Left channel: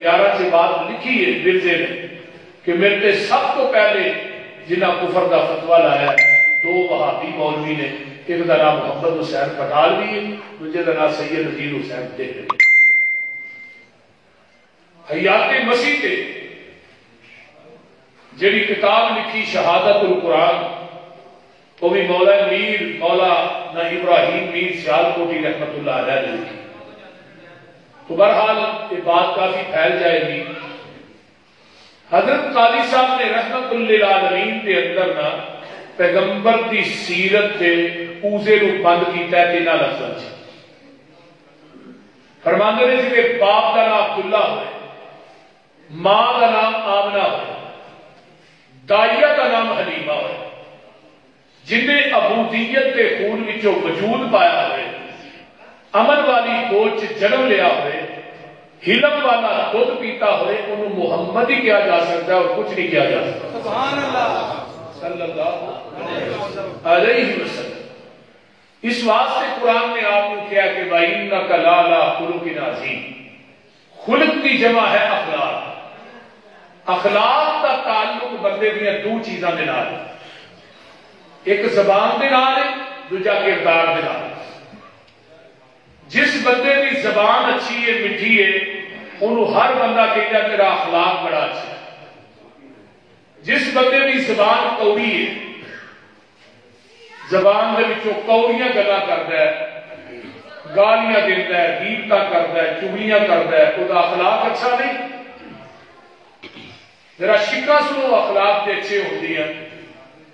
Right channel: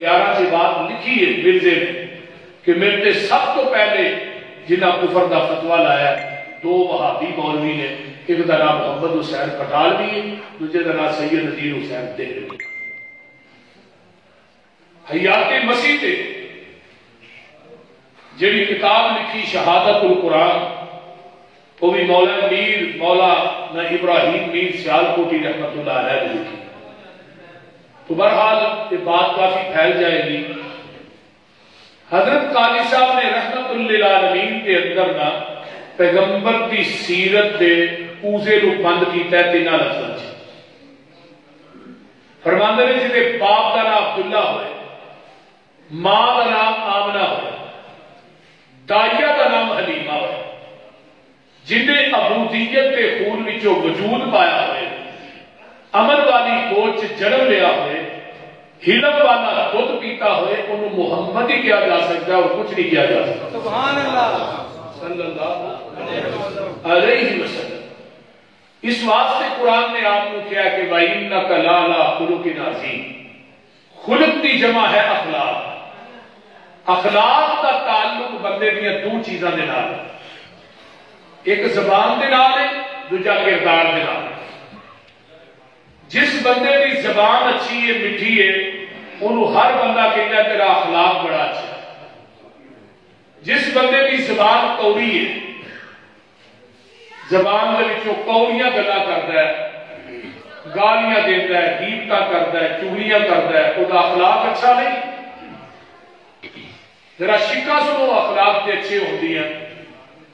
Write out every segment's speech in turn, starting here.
11 سے بات لکھی ہے مرزے نے کہ میرے سب تو پہلے جنہ کفر دا فتوا لایا 2 وہابی مولوی نے، ایک دا نام محمد حسین پٹال بھی ہے، دوسرے دا نام سید نذیر حسین دہلوی۔ حیات مسیح تے جڑی کتاب لکھی شہادت القرآن، وہ بھی مولا میر مولانا ابراہیم میر سیالکوٹی رحمت اللہ علیہ نے لکھی۔ تو بہرحال یہ بات کافی پھیل جائے گی۔ حضرت قاضی صاحب نے رحمت للعالمین کے اندر نہ پیغمبر کی سیرت کے اوزے نو بند کیتا ہے 3 لفظاں وچ۔ فرماندے نے جی باپ کا نام عبداللہ ہوئے، ماں کا نام آمنہ ہوئے، دائیا کا نام حلیمہ ہوئے، جنہیں عبودیت کے خون وچوں وجود پایا ہوئے، عمل والی کوچ جنم لیا ہوئے، ہلم والا دودھ پیتا ہوئے، انہوں محمد ہی کیا جا سکتا ہے اور کچھ نہیں کیا جا سکتا۔ سبحان اللہ صلی اللہ علیہ وسلم۔ اس واسطے قرآن نے آپ کو کیا کہ وَإِنَّكَ لَعَلَىٰ خُلُقٍ عَظِيمٍ، خلق کی جمع ہے اخلاق۔ اخلاق کا تعلق بندے دیا 2 چیزاں دے نال، ایک زبان دے نال ہے، دوجا کردار دے نال۔ جس بندے کی زبان اچھی ہے میٹھی ہے انہوں ہر بندہ کہتا ہے میرا اخلاق بڑا اچھا ہے۔ جس بندے کی زبان کوڑی ہے، زبان دے وچوں کوڑیاں گلاں کردا ہے، گالیاں دیتا ہے، غیبتاں کردا ہے، چغلیاں کردا ہے، وہ اخلاق اچھا نہیں۔ ذرا شکا سنو اخلاق کے اچھے ہوندی ہیں۔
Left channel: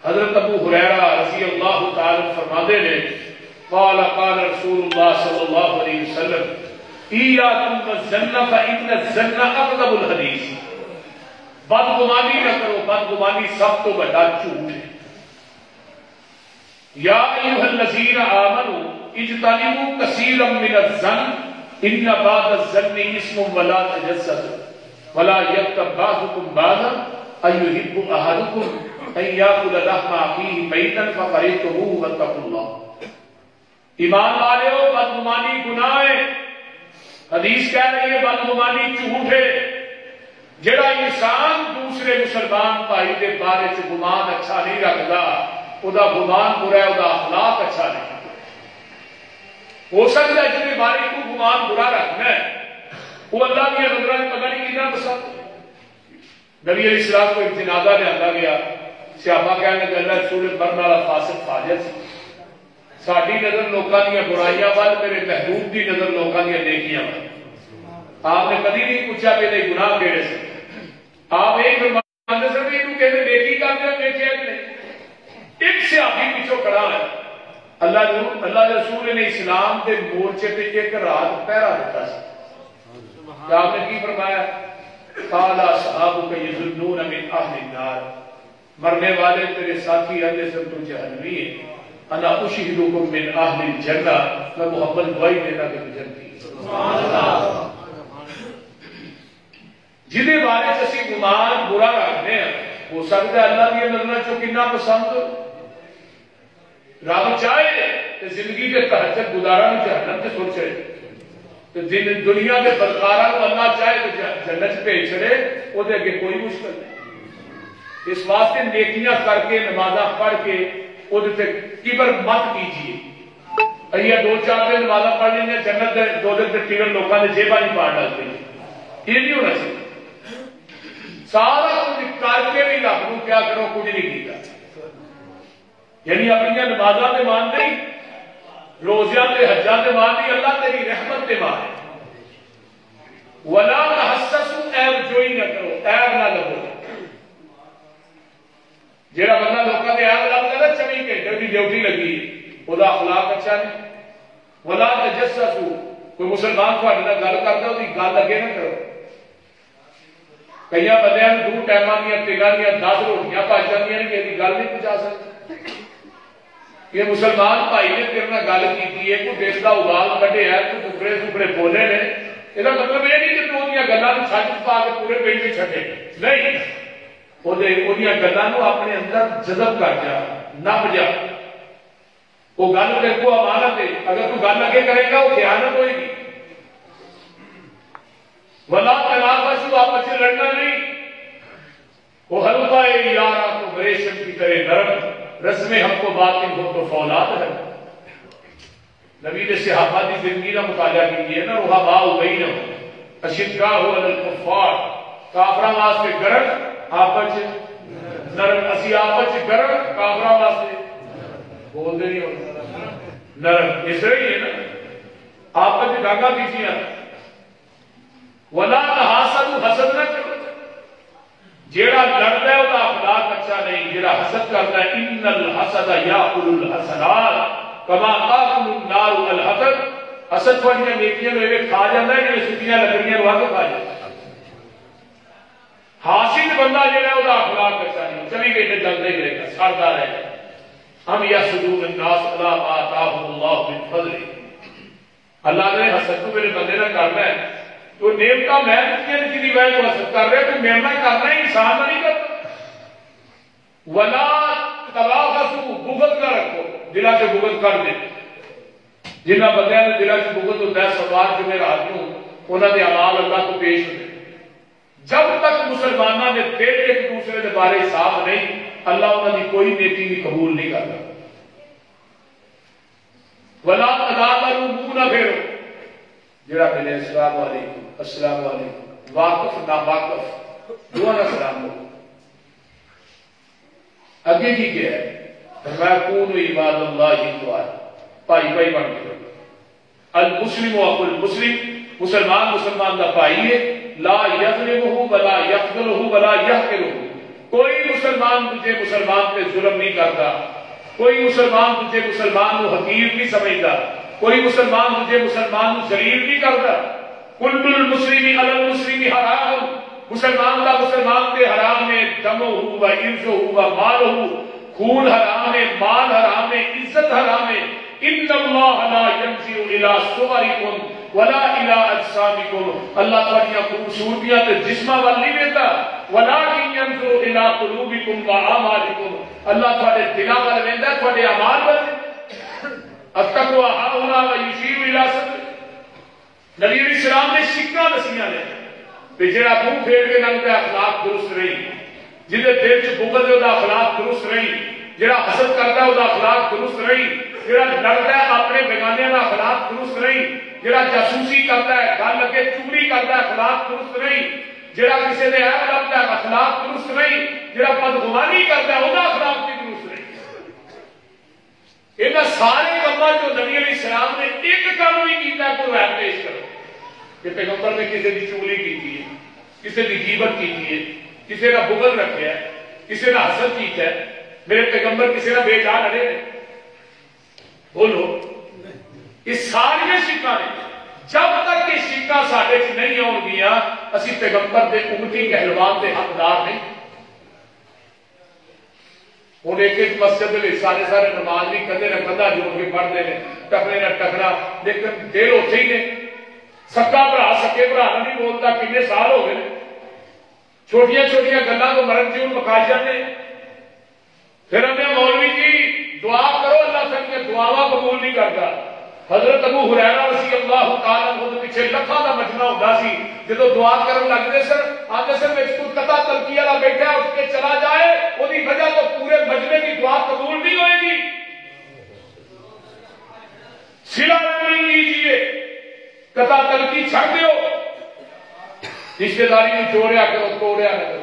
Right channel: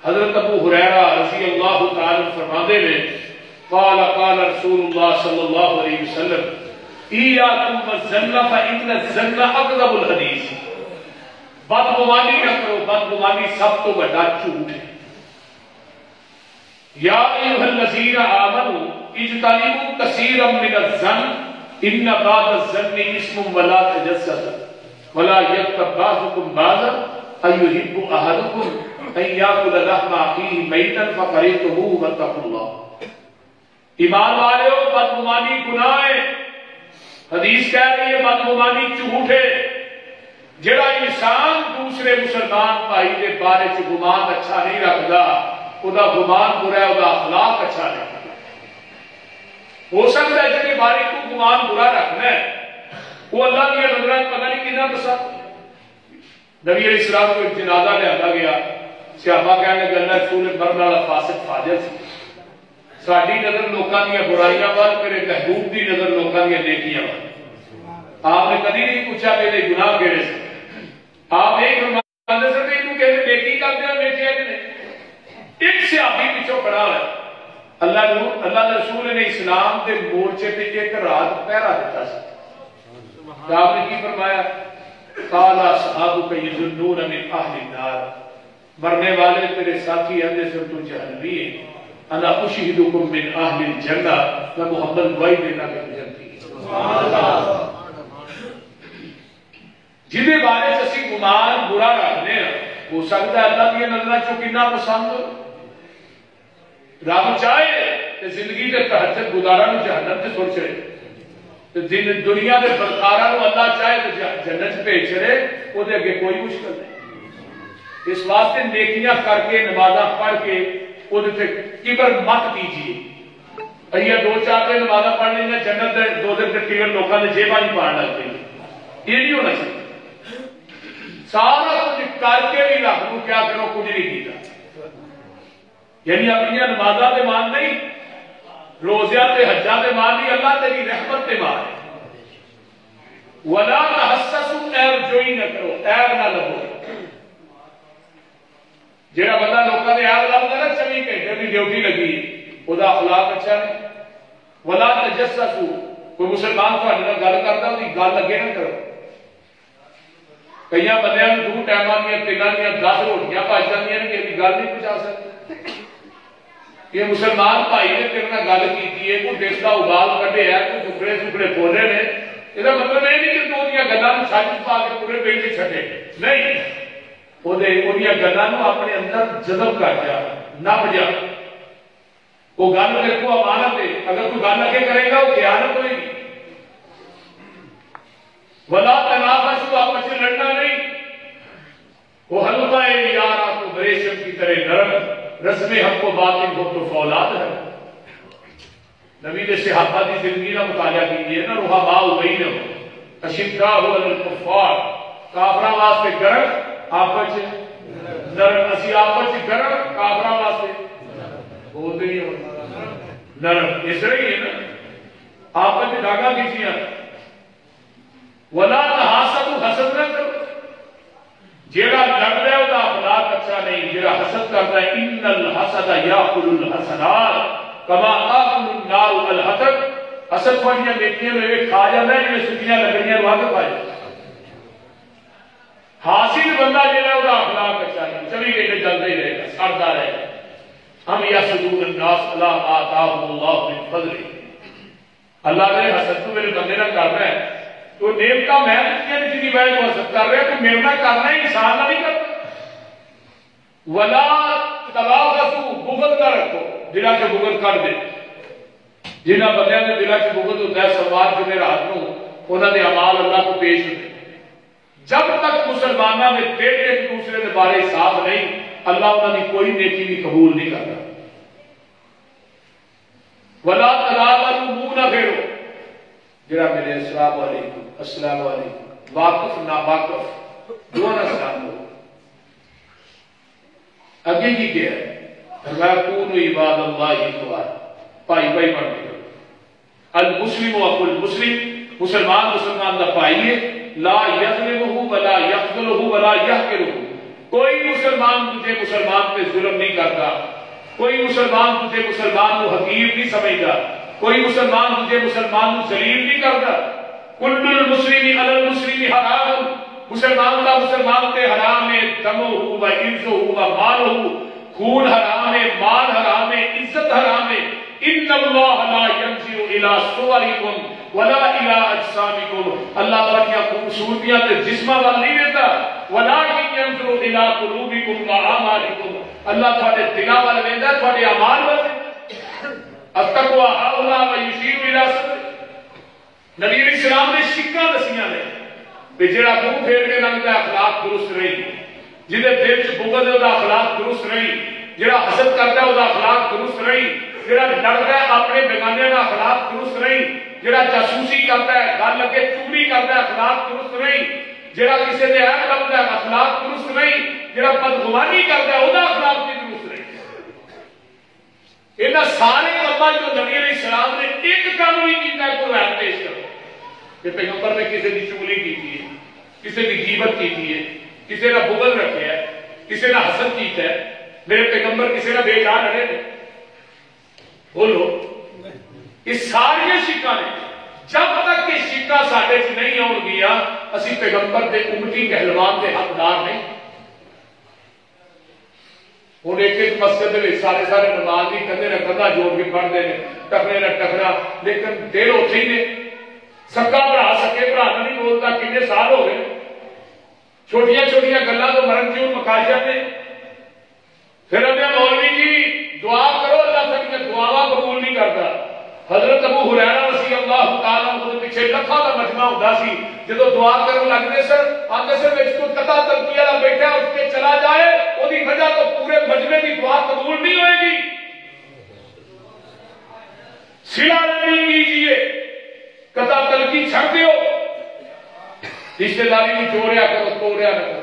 حضرت ابو ہریرہ رضی اللہ تعالی فرماتے ہیں قال قال رسول اللہ صلی اللہ علیہ وسلم ایاکم والظن فإن الظن اکذب الحدیث، بدگمانی نہ کرو، بدگمانی سب تو بڑا جھوٹ ہے۔ یا ایھا الذین آمنوا اجتنبوا کثیرا من الظن ان بعض الظن اسم ولا تجسسوا ولا یغتب بعضکم بعضا ایحب احدکم ان یاکل لحم اخیہ میتا فکرہتموہ واتقوا اللہ۔ ایمان والے ہو، بدگمانی گناہ ہے، حدیث کہہ رہی ہے بدگمانی جھوٹ ہے۔ جڑا انسان دوسرے مسلمان بھائی کے بارے چ گمان اچھا نہیں رکھتا، وہ گمان برا ہے، وہ اخلاق اچھا نہیں۔ ہو سکتا ہے جن بارے تو گمان برا رکھنا ہے وہ اللہ کی نظر پتہ نہیں کتنا پسند۔ نبی علیہ السلام کو ایک جنازہ لیا گیا، صحابہ کہنے کہ اللہ رسول مرنے والا فاسق فاجر سی، ساری نظر لوگوں دیا برائیاں وال، میرے محبوب کی نظر لوگوں دیا نیکیاں وال۔ آپ نے کبھی نہیں پوچھا میرے گناہ کہڑے سے، آپ ایک فرماتے سے کہ تم کہتے نیکی کر دیا نیکیاں کہ نہیں۔ ایک صحابی پیچھے کھڑا ہے، اللہ رسول نے اسلام کے مورچے پہ ایک رات پہرا دیتا سی۔ آپ نے کی فرمایا قال اصحابک یظنون من اہل النار، مرنے والے تیرے ساتھی ہیں جیسے تو جہنمی ہیں، انا اشہدکم من اہل الجنہ، میں محمد گواہی دیتا کہ جنتی ہے۔ جہدے بارے اسی گمان برا رکھنے ہیں، ہو سکتا ہے اللہ کی نظر چو کتنا پسند ہو۔ رب چاہے کہ زندگی کے تہجد گزارا نو جہنم سے چھوڑ چھڑے، دنیا کے بدکارا نو اللہ چاہے تو جنت بھیج چھڑے، وہ دے اگے کوئی مشکل نہیں۔ اس واسطے نیکیاں کر کے نمازاں پڑھ کے کبر مت کیجیے۔ یہ 2-4 دن نمازاں پڑھ لیں جنت دے 2 دن کے ٹکٹ لوگوں نے جیباں ہی پا ڈالتے ہیں، یہ نہیں ہونا چاہیے۔ سارا کچھ کر کے بھی رب کو کیا کرو کچھ نہیں کیتا، یعنی اپنی نمازاں تے مان نہیں، روزیاں تے حجاں تے مان نہیں، اللہ تیری رحمت تے مان۔ ولا تحسسوا، عیب جوئی نہ کرو، عیب نہ لگو۔ جہاں بندہ لوگوں نے عیب لگتا نا 24 گھنٹے کی ڈیوٹی لگی، وہ اخلاق اچھا نہیں۔ ولا تجسسوا، کوئی مسلمان تھوڑے نال گل کرتا وہ گل اگے نہ کرو۔ کئی بندے 2 ٹائماں دیا تیلاں دیا 10 روٹیاں پچ جاندیاں نے، یہ گل نہیں پہنچا سکتے۔ یہ مسلمان بھائی نے تیرے نال گل کی ہے، کوئی دیش کا ابال کڈے ہے، کوئی ٹکڑے ٹکڑے بولے نے، یہ مطلب یہ نہیں کہ تو گلوں چھج پا کے پورے پیٹ میں چھڈے نہیں، وہ گلوں اپنے اندر جذب کر جا، نپ جا۔ وہ گل میرے کو امانت ہے، اگر کوئی گل اگے کرے گا وہ خیانت ہوئے گی۔ ولا تنافسوا سے لڑنا نہیں، وہ حلقہ یارا تو ریشم کی طرح نرم، رسم ہم کو باطن ہو تو فولاد ہے۔ نبی نے صحابہ کی زندگی کا مطالعہ کیجیے نا، رحماء بینہم اشداء علی الکفار، کافراں واسطے گرم آپس نرم، اسی آپس گرم کافراں واسطے بولتے نہیں ہوتا نرم، اس طرح ہی ہے نا، آپس ڈاگا کیجیے۔ ولا تحاسدوا، حسد نہ کرو، جیڑا لڑتا ہے وہ اخلاق اچھا نہیں، جیڑا حسد کرتا ہے ان الحسد یاکل الحسنات کما تاکل النار الحطب، حسد والیاں نیکیاں لے کھا جاتا ہے جیسے سکیاں لکڑیاں لا کے کھا جاتا ہے۔ حاصل بندہ جیڑا ہے وہ اخلاق اچھا نہیں، چلی گئی چلتا ہی رہے گا، سڑتا رہے گا۔ ہم یحسدون الناس علی ما آتاهم اللہ من فضلہ، اللہ نے حسد کو میرے بندے نے کرنا ہے تو نیمتا میں جس کی وجہ تو حسد کر رہے تو میرا کرنا ہے، انسان کا نہیں کرتا۔ ولا تباغضوا، بغض نہ رکھو، دلا سے بغض کر دے۔ جنہاں بندیاں نے دلا سے بغض ہوتا ہے سلوار جمعے رات کو انہوں نے اعمال اللہ کو پیش ہوتے، جب تک مسلمانوں نے دل ایک دوسرے کے بارے صاف نہیں، اللہ انہوں نے کوئی نیکی بھی قبول نہیں کرتا۔ ولا تنابروا، منہ نہ پھیرو، جڑا میرے السلام علیکم السلام علیکم، واقف نا واقف دونوں سلام ہو۔ اگے کی کیا ہے؟ فرمایا کونوا عباد اللہ اخوانا، بھائی بھائی بن کے المسلم اخو المسلم، مسلمان مسلمان کا بھائی ہے، لا یظلمہ ولا یخذلہ ولا یحقرہ، کوئی مسلمان تجھے مسلمان پہ ظلم نہیں کرتا، کوئی مسلمان تجھے مسلمان کو حقیر نہیں سمجھتا، کوئی مسلمان تجھے مسلمان کو ذلیل نہیں کرتا۔ کل المسلم علی المسلم حرام، مسلمان کا مسلمان پہ حرام ہے، دمہ و عرضہ و مالہ، خون حرام ہے، مال حرام ہے، عزت حرام ہے۔ ان اللہ لا ينظر الى صورکم ولا الى اجسامکم، اللہ تعالیٰ خوبصورتیاں تے جسماں وال نہیں دیتا، ولکن ينظر الى قلوبکم واعمالکم، اللہ تھوڑے دلاں وال ویندا ہے، تھوڑے اعمال وال۔ التقوی ہاہنا ویشیر الى صدر، نبی علیہ السلام نے شکاں دسیاں نے کہ جڑا منہ پھیر کے لنگدا اخلاق درست رہی، جہدے دل چ بغض ہے وہ اخلاق درست رہی، جڑا حسد کرتا ہے وہ اخلاق درست رہی، جڑا لڑتا ہے اپنے بیگانیاں کا اخلاق درست رہی، جڑا جاسوسی کرتا ہے گل اگے چوری کرتا ہے اخلاق درست رہی، جڑا کسی نے عیب کرتا ہے اخلاق درست رہی، جڑا بدگمانی کرتا ہے وہ اخلاق بھی درست رہی۔ انہاں سارے کاماں جو نبی علیہ السلام نے ایک کام بھی کیتا ہے کوئی روایت پیش کرو کہ پیغمبر نے کسی کی چغلی کی ہے، کسی کی غیبت کی ہے، کسی کا بغض رکھا ہے، کسی کا حسد کیتا ہے، میرے پیغمبر کسی کا بے جان رہے ہیں، بولو یہ ساری شکاں نے، جب تک یہ شکاں سارے نہیں آن گیا اسی پیغمبر دے امتی کہلوان دے حقدار نہیں۔ ہوں ایک ایک مسجد میں سارے سارے نماز بھی کندھے نہ کندھا جوڑ کے پڑھتے ہیں، ٹکرے نہ ٹکرا، لیکن دل اتنے ہی نے۔ سکا بھرا سکے بھرا نہیں بولتا، کتنے سال ہو گئے، چھوٹیاں چھوٹیاں گلاں تو مرن کیوں مکا جاتے۔ پھر ہمیں مولوی جی دعا کرو، اللہ سے دعا قبول نہیں کرتا۔ حضرت ابو ہریرہ رضی اللہ تعالیٰ عنہ پیچھے لکھاں کا مجمع ہوتا سی، جدو دعا کرن لگتے سر آتے سر میں کو قطع تلقی والا بیٹھا اس کے چلا جائے وہی وجہ تو پورے مجمع کی دعا قبول نہیں ہوئے گی۔ سلا نہیں کیجیے، قطع تلقی چھڑ دیو، رشتے داری نہیں جوڑیا کرو، توڑیا نہ کرو۔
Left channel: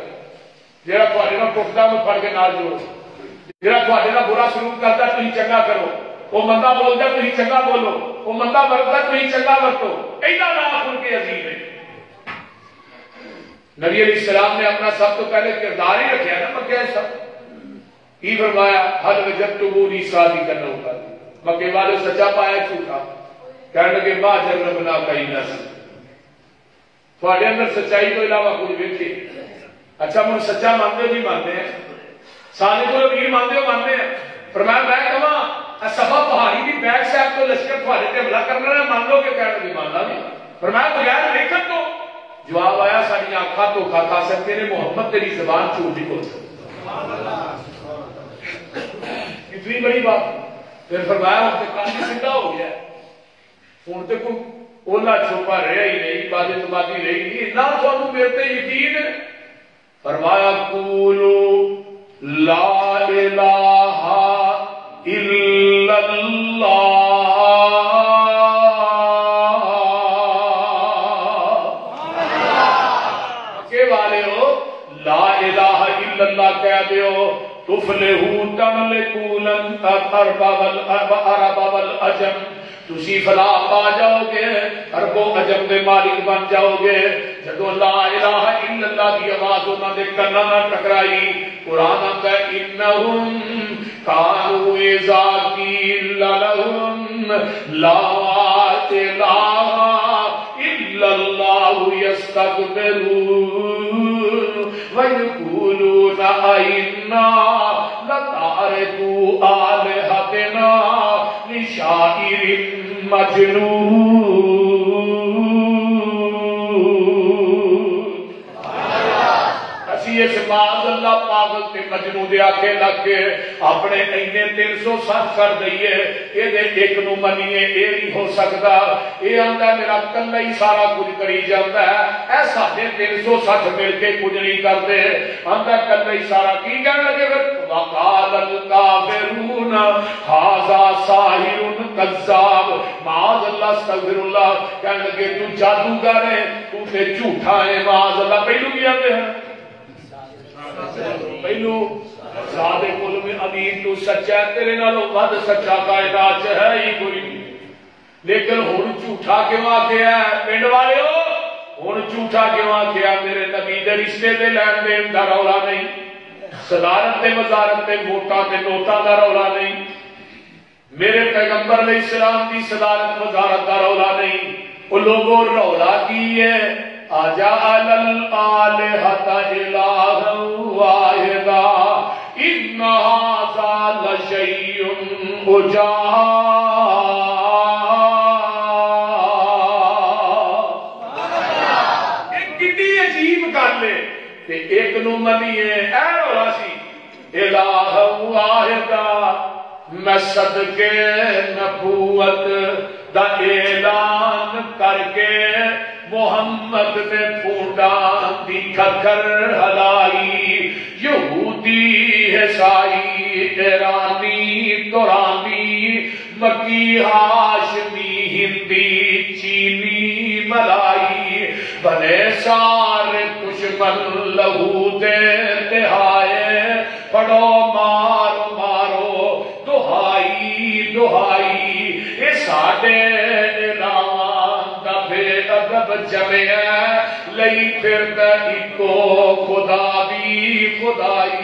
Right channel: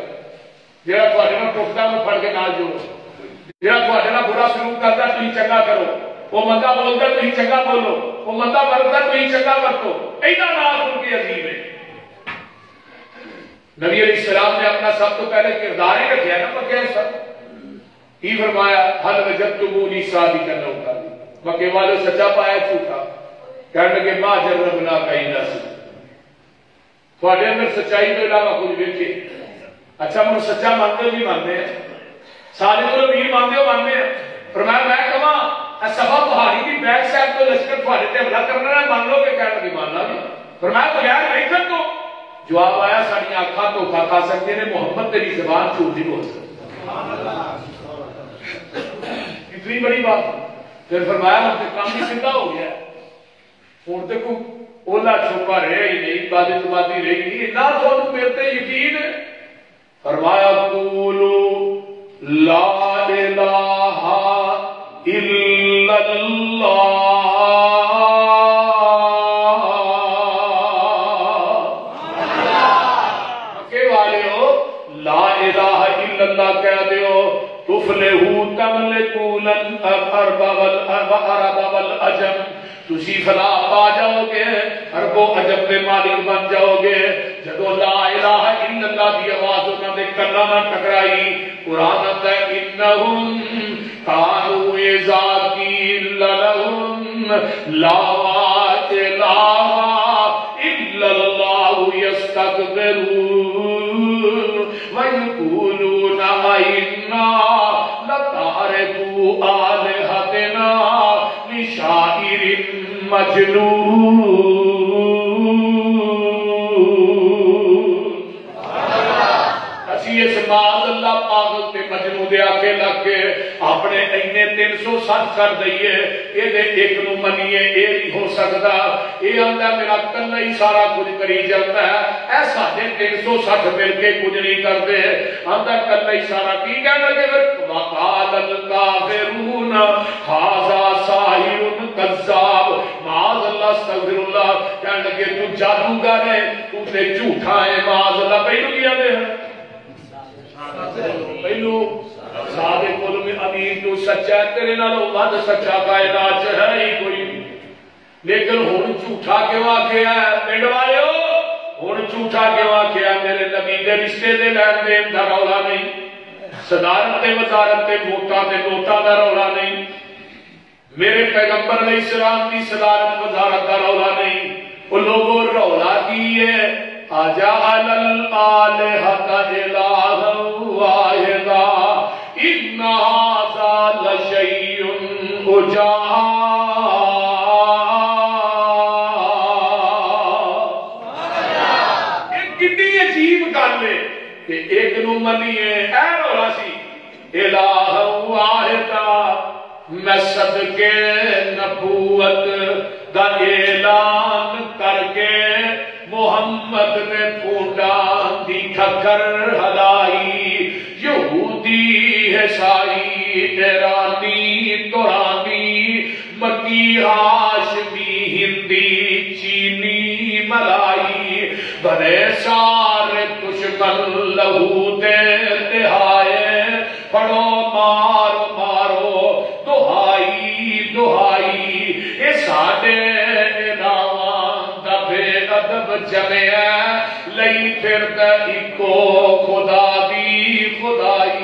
جہاں تھوڑے نال ٹوٹتا انہوں پھڑ کے نال جوڑو، جہاں تھوڑے نال برا سلوک کرتا تھی چنگا کرو، وہ مندہ بولتا تو ہی چنگا بولو، وہ مندہ ورتا تو ہی چنگا ورتو، اینا نام خود کے عظیم ہے۔ نبی علیہ السلام نے اپنا سب تو پہلے کردار ہی رکھا ہے نا مکہ سب ہی فرمایا حل وجدتمونی صادقا او کاذبا، مکے والے سچا پایا جھوٹا، کہنے لگے ما جربنا کینا سی، تھوڑے اندر سچائی تو علاوہ کچھ ویکھے۔ اچھا من سچا مانتے ہو بھی مانتے ہیں، سارے کو امیر مانتے ہو مانتے ہیں۔ فرمایا میں کہاں صفا پہاڑی کی بیک سائڈ تو لشکر تھوڑے تے حملہ کرنا ہے، مان لو کہ کہنے لگے ماننا نہیں۔ فرمایا بغیر دیکھن تو جواب آیا ساری آنکھاں دھوکا کھا سکتے ہیں، محمد تیری زبان جھوٹ نہیں بول سکتی۔ اتنی بڑی بات۔ پھر فرمایا ہوں تو کام ہی زندہ ہو گیا، ہوں تو کوئی اولا چھپا رہا ہی نہیں، بابے تو بابی رہی نہیں، نہ تو میرے تے یقین ہے۔ فرمایا قولو لا الہ الا اللہ، مکے والے ہو لا الہ الا اللہ کہہ دیو، تفلحو تملکون العرب والعجم، تسی فلاح پا جاؤ گے، عرب و عجم دے مالک بن جاؤ گے۔ جدو لا الہ الا اللہ دی آواز انہاں دے کناں نال ٹکرائی، قرآن آندا ہے انہم کانوا اذا قیل لہم لا الہ الا اللہ یستکبرون ویقولون ائنا لتارکو آلہتنا لشاعر مجنون۔ اسی اس معاذ اللہ پاگل تے مجنون دے آکھے لگ کے اپنے اینے 360 کر دئیے، اے دے ایک نو منیے اے نہیں ہو سکتا، اے آندا میرا کلا ہی سارا کچھ کری جاتا ہے، ایسا دے 360 مل کے کچھ نہیں کرتے، آندا کلا ہی سارا کی کہنے لگے پھر وقال الکافرون ھذا ساحر کذاب، معاذ اللہ استغفر اللہ، کہنے لگے تو جادوگر ہے، تو تے جھوٹا ہے، معاذ اللہ۔ پہلو کیا دے پہلو صادق علم امین تو سچا ہے، تیرے نالوں ود سچا کائنات چ ہے ہی کوئی، لیکن ہن جھوٹا کیوں آکھیا ہے؟ پنڈ والےو ہن جھوٹا کیوں آکھیا ہے؟ میرے نبی دے رشتے دے لین دین دا رولا نہیں، صدارت تے وزارت تے ووٹاں تے نوٹاں دا رولا نہیں، میرے پیغمبر علیہ السلام کی صدارت وزارت کا رولا نہیں، وہ لوگوں رولا کی ہے اجعل الآلہۃ الہا واحدا ان ھذا لشیء عجاب۔ ایک کتنی عجیب گل ہے کہ ایک نو منیے، اے رولا سی الہ واحدا، میں صدقے نبوت دا اعلان کر کے محمد نے پھوٹاں دی ٹھکر ہلائی، یہودی عیسائی ایرانی ترانی مکی ہاشمی ہندی چینی ملائی، بنے سارے دشمن لہو دے تہائے، پڑھو مارو مارو دہائی دہائی، اے ساڈے نام دا بے ادب جمع ہے، لئی پھردا اکو خدا دی خدائی۔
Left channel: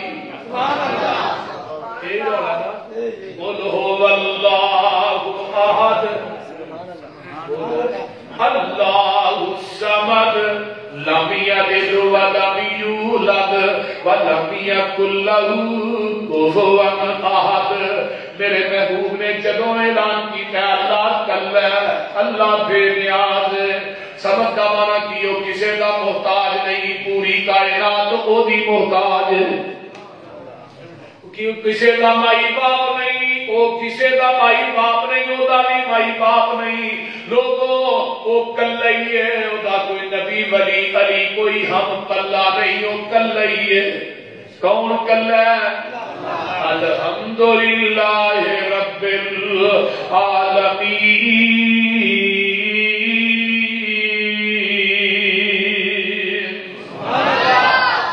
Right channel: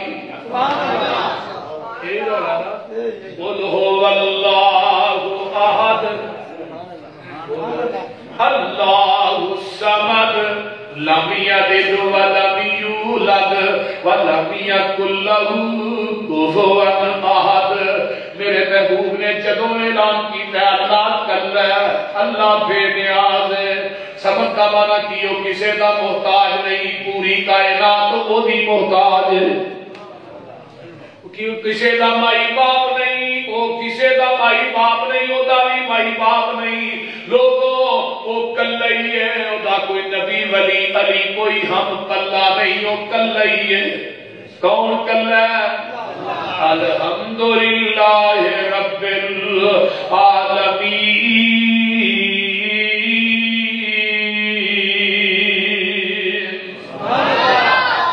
اے مولانا قل هو اللہ احد اللہ الصمد لم یلد ولم یولد ولم یکن له کفوا احد۔ میرے محبوب نے جدوں اعلان کیتا اللہ کلا ہے، اللہ بے نیاز ہے، سمجھ کا مانا کیو کسے دا محتاج نہیں، پوری کائنات او دی محتاج ہے، کیوں کسے دا مائی باپ نہیں، او کسے دا مائی باپ نہیں، او دا بھی مائی باپ نہیں، لوگوں او کلا ہی ہے، او دا کوئی نبی ولی علی کوئی ہم کلا نہیں، او کلا ہی ہے۔ کون کلا ہے؟ الحمدللہ رب العالمین۔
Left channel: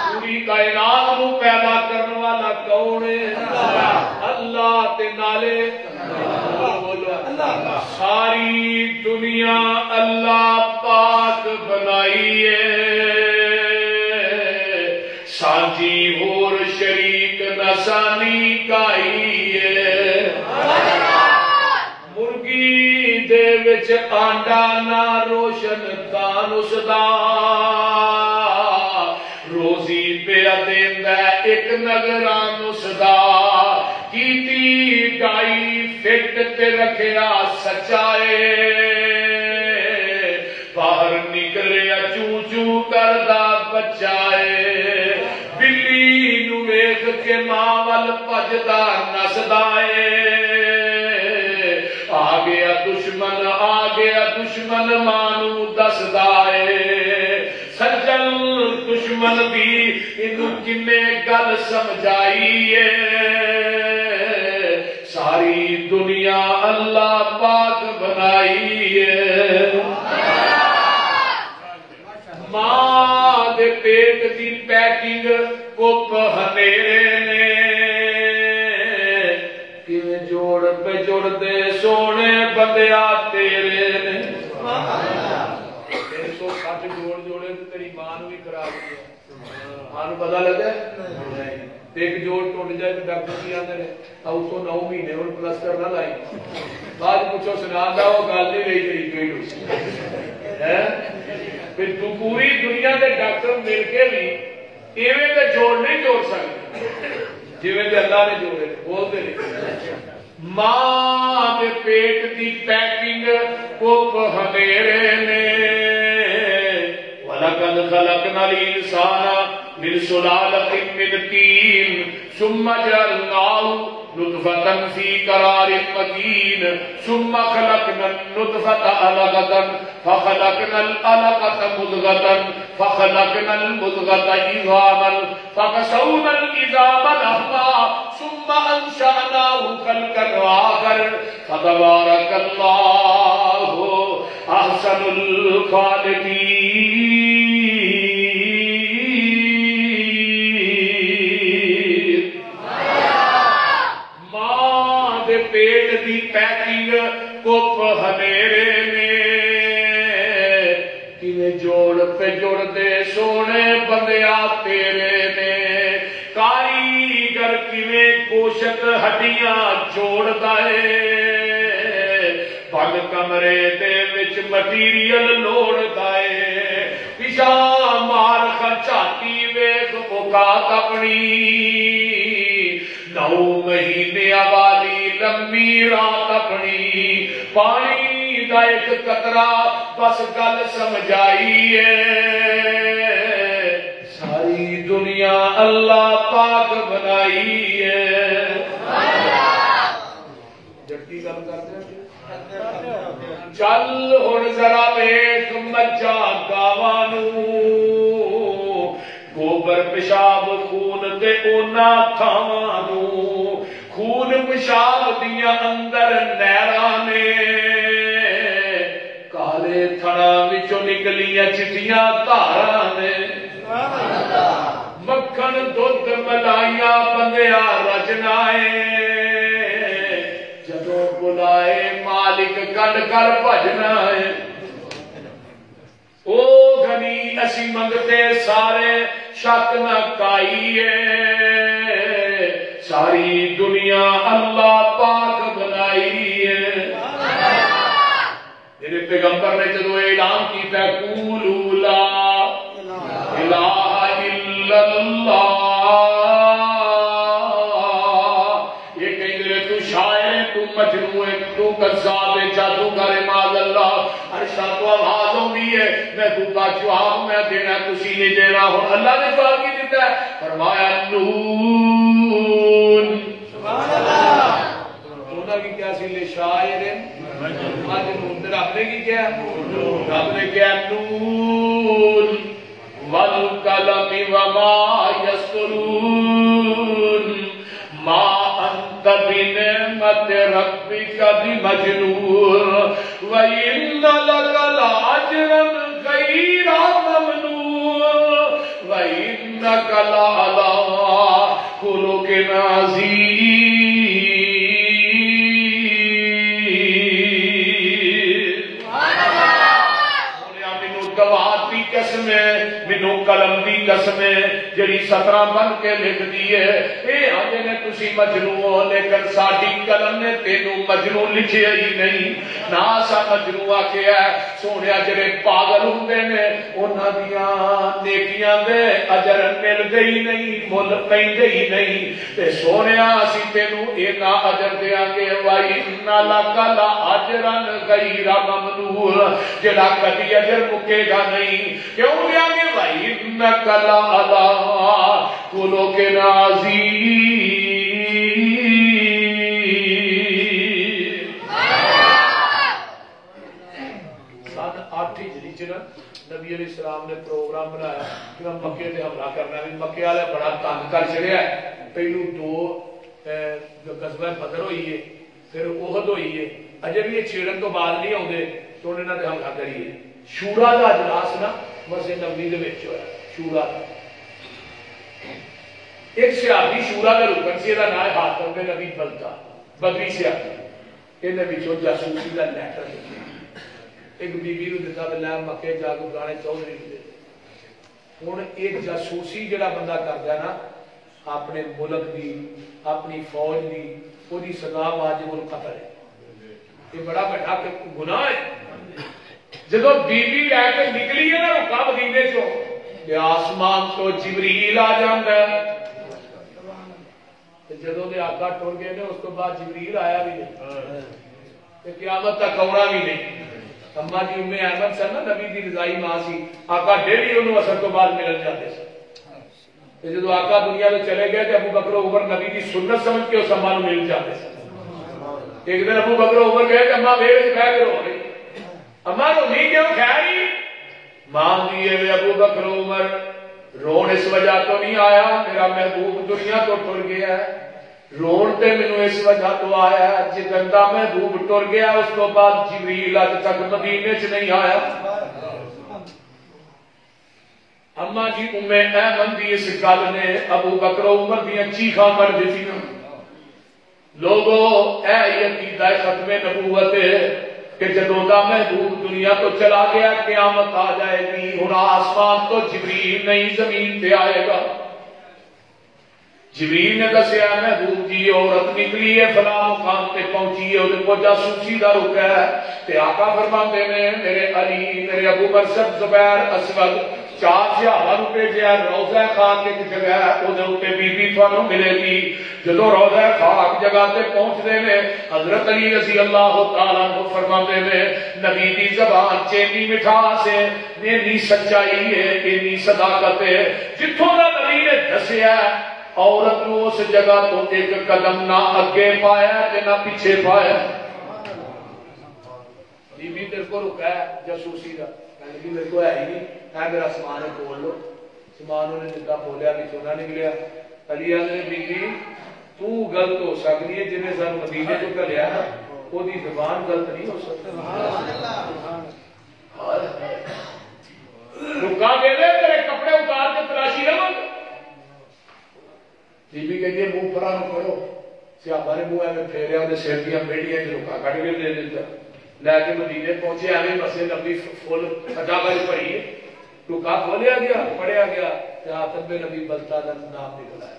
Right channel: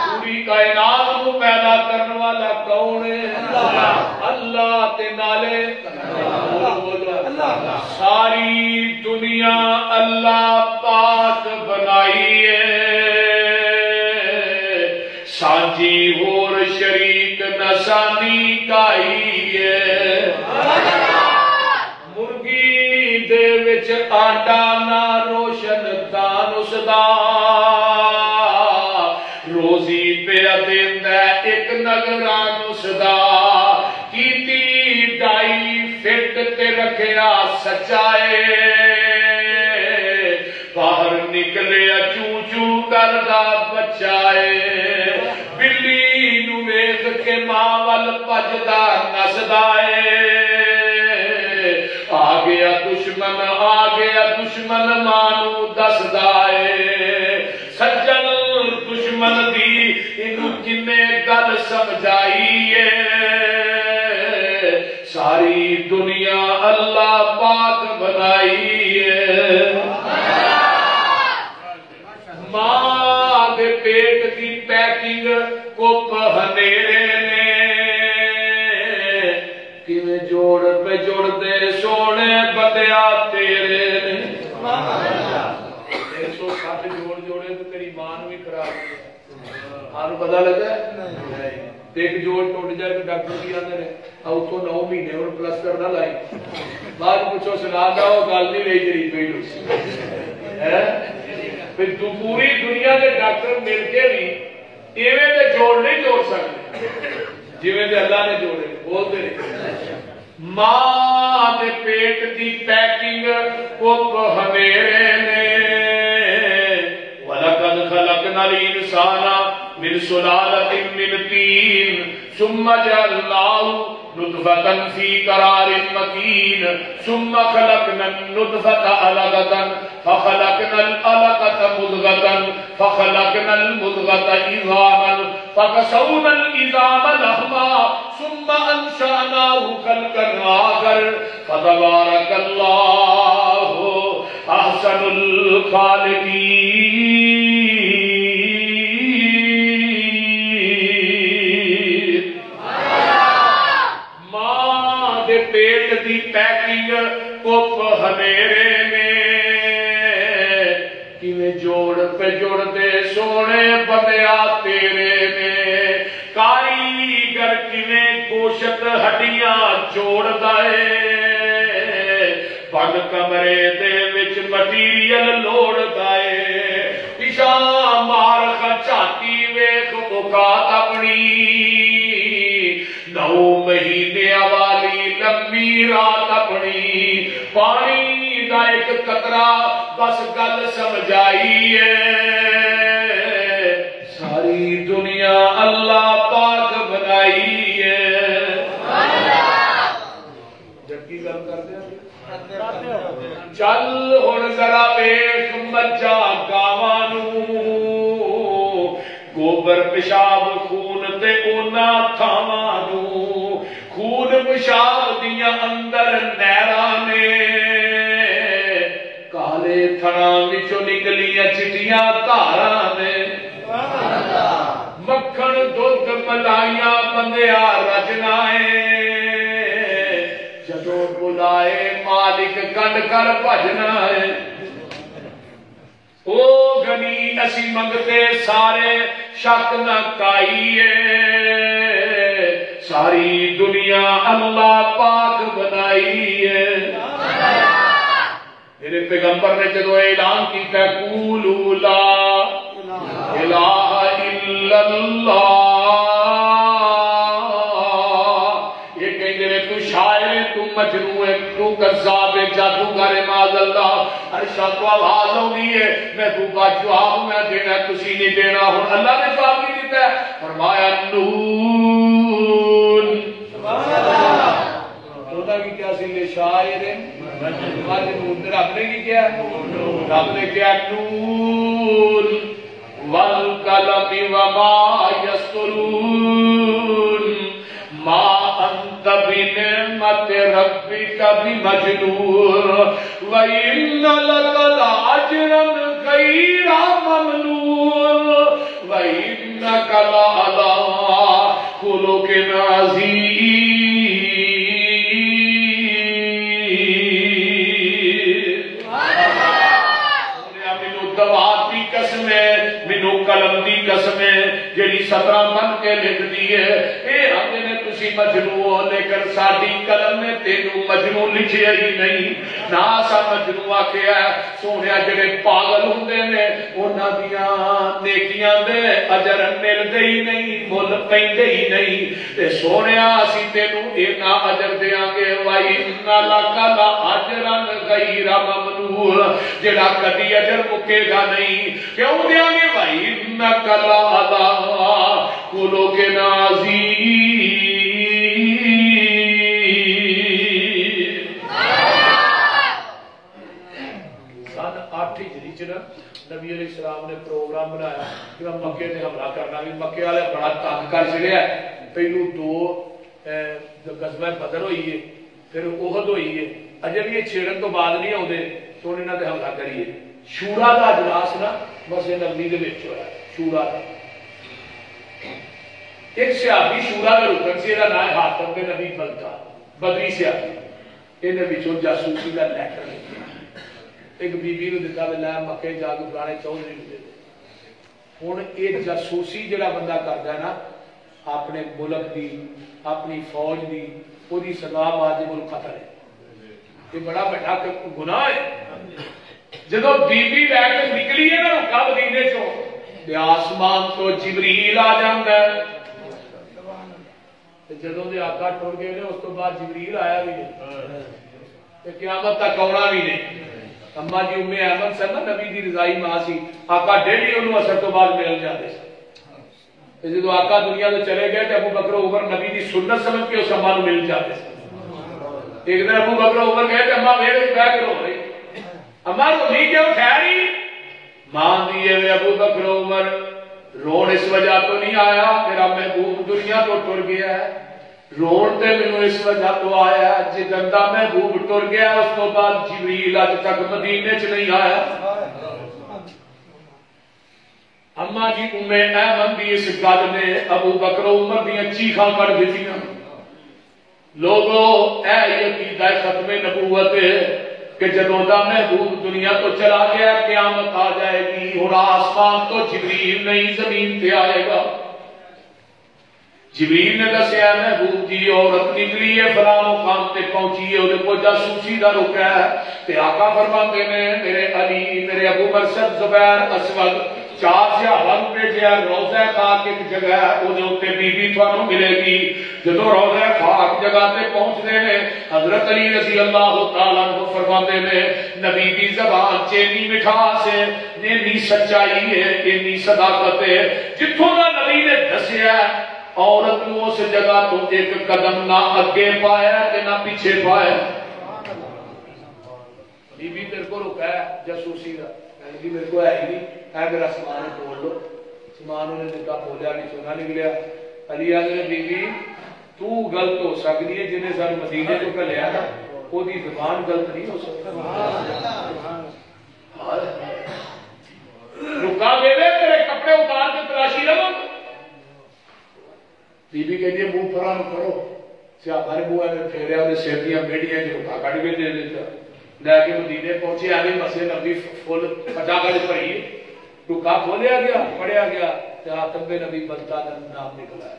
پوری کائنات کو پیدا کرنے والا کون ہے؟ اللہ تے نالے ساری دنیا اللہ پاک بنائی ہے، سانجی ہور شریک نشانی کائی ہے، مرگی دے وچ آنڈا نہ روشن دان اس دا، روزی پہ دیندا ایک نگران اس دا، کیتی گائی فٹ تے رکھیا سچائے، باہر نکلے چوں چوں کردا بچائے، بلی نو ویکھ کے ماں ول بجدا نسدا اے، آ گیا دشمن ماں نو دسدا اے، سجن دشمن دی جن گل سمجھائیے ساری دنیا اللہ پاک بنائیے ماں دے پیٹ دی پیکنگ کپ ہنیرے نے کیویں جوڑ پہ جوڑ دے سونے بندیا تیرے نے 160 جوڑ جوڑے تو تیری ماں بھی خراب ہو آپ پتا لگا ایک جوڑ ٹوٹ جائے تو ڈاکٹر بھی آتے رہے اتوں 9 مہینے ہوں پلسٹر نہ لائی بعد پوچھو سنا دا وہ گل نہیں رہی تیری پیڑ پھر تو پوری دنیا کے ڈاکٹر مل کے بھی ایویں دے جوڑ نہیں جوڑ سکتے جویں دے اللہ نے جوڑے بولتے ماں دے پیٹ دی پیکنگ کپ ہمیرے نے وَلَقَدْ خَلَقْنَا الْإِنسَانَ من سلالة من طين ثم جعلناه نطفة في قرار مكين ثم خلقنا النطفة علقة فخلقنا العلقة مضغة فخلقنا المضغة عظاما فكسونا العظام لحما ثم أنشأناه خلقا آخر فتبارك الله أحسن الخالقين پیٹ دی پیکنگ کپ ہمیرے نے کیویں جوڑ پہ جوڑ دے سونے بندیا تیرے نے کاریگر کیویں گوشت ہڈیاں جوڑ دے بند کمرے دے وچ مٹیریل لوڑ دے پیشا مار خچاتی ویکھ اوقات اپنی 9 مہینے والی لمبی رات اپنی پانی دا ایک قطرہ بس گل سمجھائیے ساری دنیا اللہ پاک بنائیے جبکی گل کرتے چل ہن ذرا ویکھ مجھا گاواں گوبر پیشاب خون تے اونا تھاواں خون پیشاب دیا اندر نہراں نے کالے تھڑاں وچوں نکلیاں چٹیاں دھاراں نے مکھن دودھ ملائیاں بندیا رجنا ہے جدوں بلائے مالک کنڈ کر بھجنا ہے او غنی اسی منگتے سارے شک نہ کائیے ساری دنیا اللہ پاک بنائی ہے میرے پیغمبر نے جدو اعلان کیتا ہے قولوا لا الہ الا اللہ یہ کہیں دے تو شاعر تو مجنون ہے تو کذاب ہے جادوگر معاذ اللہ ہر شاہ تو آواز ہوندی ہے میں تو با جواب میں دینا تسی نہیں دینا ہن اللہ نے جواب کی دیتا ہے فرمایا نون خدا کی کیا سی شاعر مجنون رب نے کی کیا رب نے کیا نون والقلم وما يسطرون ما انت بنعمت ربك بمجنون وان لك لاجرا غير ممنون وانك لعلى خلق عظيم قسم ہے مینو قلم دی قسم ہے جڑی سطراں بن کے لکھ دی ہے اے آدھے نے تسی مجنون ہو لیکن ساڈی قلم نے تینوں مجنون لکھیا ہی نہیں نہ سا مجنون آکھیا ہے سونیا جڑے پاگل ہوندے نے انہاں دیاں نیکیاں دے اجر ملدے ہی نہیں مل پیندے ہی نہیں تے سونیا اسی تینوں اینا اجر دیاں گے وَإِنَّ لَكَ لَأَجْرًا غَيْرَ مَمْنُونٍ جڑا کدی اجر مکے گا نہیں کیوں دیا گے بھائی نقل اللہ کلو کے نازی سن 8 ہجری چ نبی علیہ السلام نے پروگرام بنایا کہ میں مکے سے حملہ کرنا بھی، مکے والے بڑا تنگ کر چڑیا، پہلو 2 غزوہ بدر ہوئی ہے، پھر احد ہوئی ہے، اجے بھی یہ چھیڑن تو بعد نہیں آتے تو انہوں نے حملہ کریے۔ شورا کا اجلاس نا مسجد نبوی دے وچ ہویا، شورا کا ایک صحابی شورا کا رکن سے نام ہے حاتم بن ابی بلتع، بدری صحابی، یہ جاسوسی کا لیٹر لکھا ایک بی بی کو دیتا بھی لے مکے جا کے فلانے چودھری کو دے دے۔ ہوں یہ جاسوسی جڑا بندہ کرتا ہے نا اپنے ملک دی، اپنی فوج دی، وہ سزا واجب القتل ہے، یہ بڑا بڑا گناہ ہے۔ جب بی بی لے کے نکلی ہے نا رکا مدینے چو، آسمان تو جبریل آ جاتا ہے، جدوں دے آقا ٹر گئے اس تو بعد جبریل آیا بھی نہیں، قیامت تک آنا بھی نہیں۔ اما جی ام احمد سن نا نبی دی رضائی ماں سی، آقا ڈیلی انہوں اثر تو بعد ملن جاتے سن، جدو آقا دنیا تو چلے گئے تو ابو بکر و عمر نبی دی سنت سمجھ کے اس اما نو مل جاتے سن۔ ایک دن ابو بکر و عمر کہے کہ اما ویڑ بہ کے رو رہی، اما رو نہیں کیوں خیر ہی ماں دیے ابو بکر و عمر رون اس وجہ تو نہیں آیا میرا محبوب دنیا تو ٹر گیا ہے، رون تے مینوں اس وجہ تو آیا جدن دا محبوب ٹر گیا اس تو بعد جبریل اج تک مدینے چ نہیں آیا۔ اما جی ام ایمن دی اس گل نے ابو بکر عمر دیاں چیخاں کر دتیاں، لوگو اے عقیدہ ختم نبوت کہ جدوں دا محبوب دنیا تو چلا گیا قیامت آ جائے گی، ہن آسمان تو جبریل نہیں زمین پہ آئے گا۔ جبریل نے دسیا محبوب جی عورت نکلی ہے فلاں مقام تے پہنچی ہے، وہ کو جاسوسی دا رکا ہے، تے آقا فرماتے نے میرے علی میرے ابو برسد زبیر اسود 4 صحابہ نو بھیجیا، روضہ خاک ایک جگہ ہے وہ اتنے بی بی تھانوں ملے گی۔ جدو روضہ خاک جگہ تے پہنچتے ہیں حضرت علی رضی اللہ تعالیٰ عنہ فرماتے ہیں نبی دی زبان چینی مٹھاس ہے، اینی سچائی ہے، اینی صداقت ہے، جتوں دا نبی نے دسیا عورت نو اس جگہ تو ایک قدم نہ اگے پایا تے نہ پیچھے پایا۔ بی بی تیرے کو رکا ہے جاسوسی کا، کہنے کی میرے کو ہے ہی نہیں، ہے میرا سامان ہے کھول لو، سامان انہیں جدا کھولیا کہ سونا نکلیا۔ علی آدھے بی بی تو غلط ہو سکتی ہے، جنہیں سن مدینے تو کلیا نا وہ دی زبان غلط نہیں ہو سکتی۔ رکا دے دے تیرے کپڑے اتار کے تلاشی رہو۔ بی بی کہتی ہے منہ پرا نو کرو، صحابہ نے منہ میں پھیریا، انہیں سیٹیاں بیٹیاں رکا کٹ کے دے دیتا، لے کے مدینے پہنچے ایویں مسجد نبی فل پچا کر پڑی، رکا کھولیا گیا پڑھیا گیا، حاتم بن ابی بلتع کا نام نکلا ہے۔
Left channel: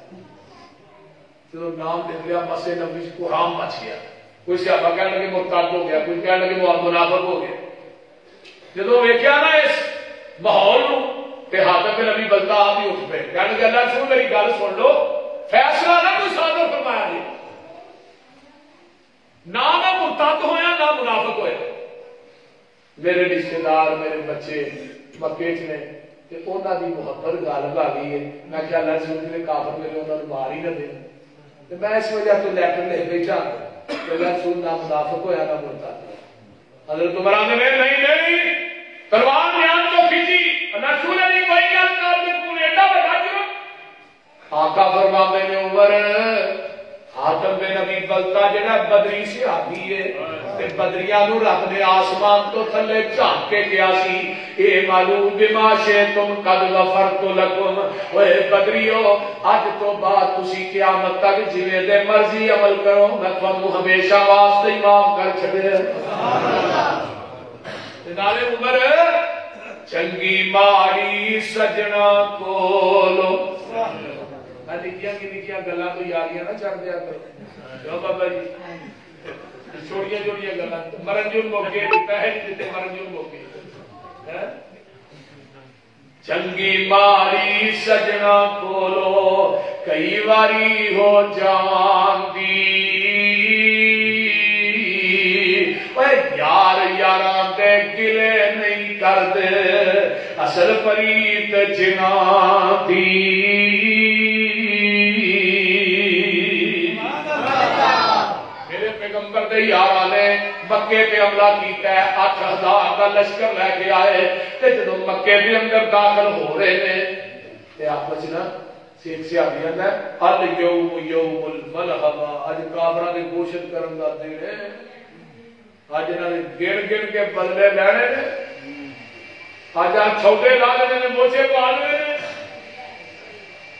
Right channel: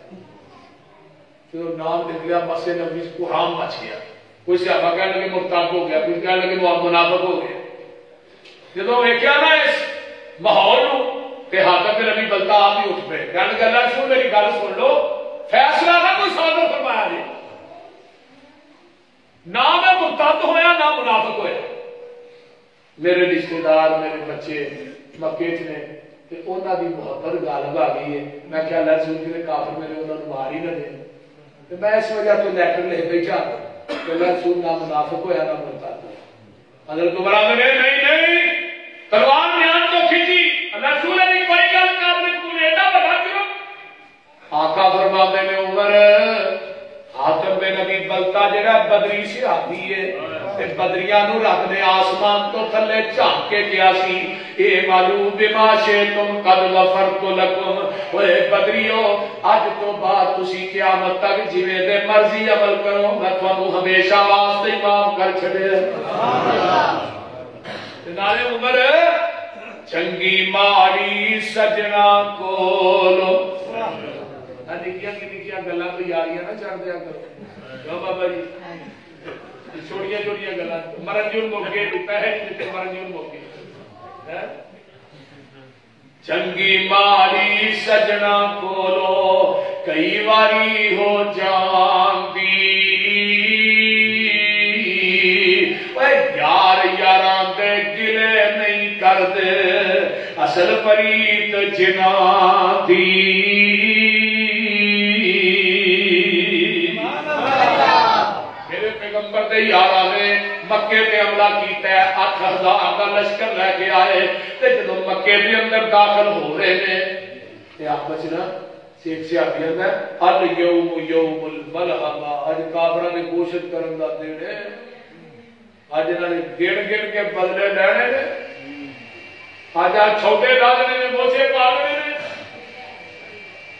جو نام نکلیا مسجد نبی کو حام مچ گیا، کوئی صحابہ کہنے لگے مرتد ہو گیا، کوئی کہنے لگے منافق ہو گیا۔ جدو ویکھیا نا اس ماحول تے حاتم بن ابی بلتع آپ ہی اٹھ پے، کہنے لگے اللہ رسول میری گل سن لو، فیصلہ نہ کوئی صادر فرمایا جی، نہ میں مرتد ہویا نہ منافق ہویا، میرے رشتے دار میرے بچے مکے نے تے انہاں دی محبت غالب آ گئی ہے، میں کیا اللہ رسول جی کافر میرے انہاں نوں مار ہی نہ دے، تے میں اس وجہ تو لیٹر لکھ بیٹھا کہ اللہ رسول نہ منافق ہویا نہ مرتد ہویا۔ حضرت عمر نے نہیں تلوار نیان تو کھینچی، اللہ رسول نے کوئی گل کر دے تو ایڈا بڑا کیوں؟ آقا فرماتے نے عمر حاتم بن ابی بلتع جڑا بدری صحابی ہے تے بدریاں نو رب نے آسمان تو تھلے جھانک کے گیا سی، اے معلوم بما شئتم قد غفرت لکم، اوے بدریو اج تو بعد تسی قیامت تک جویں دے مرضی عمل کرو میں تانوں ہمیشہ واسطے معاف کر چھڈے۔ سبحان اللہ۔ تے نالے عمر چنگی ماری سجنا کولو، نکیاں کی نکیاں گلاں تو یاریاں نہ چڑھ دیا کرو، جو بابا جی چھوٹیاں چھوٹیاں گلاں مرن جون موقع پیسے دیتے مرن جون موقع۔ چنگی ماری سجنا کولو کئی واری ہو جاندی، یار یاراں دے گلے نہیں کردے اصل پریت جناں دی۔ پیغمبر دے یار آلے مکے پہ حملہ کیتا ہے 8000 کا لشکر لے کے آئے تے جدوں مکے دے اندر داخل ہو رہے ہیں تے آپس نا سیک سیابی ہے الیوم یوم الملحمہ اج کافراں دی کوشش کرن دا دن ہے اج انہاں نے گن کے بدلے لینے نے اج چھوٹے لاگنے نے موچے پالنے نے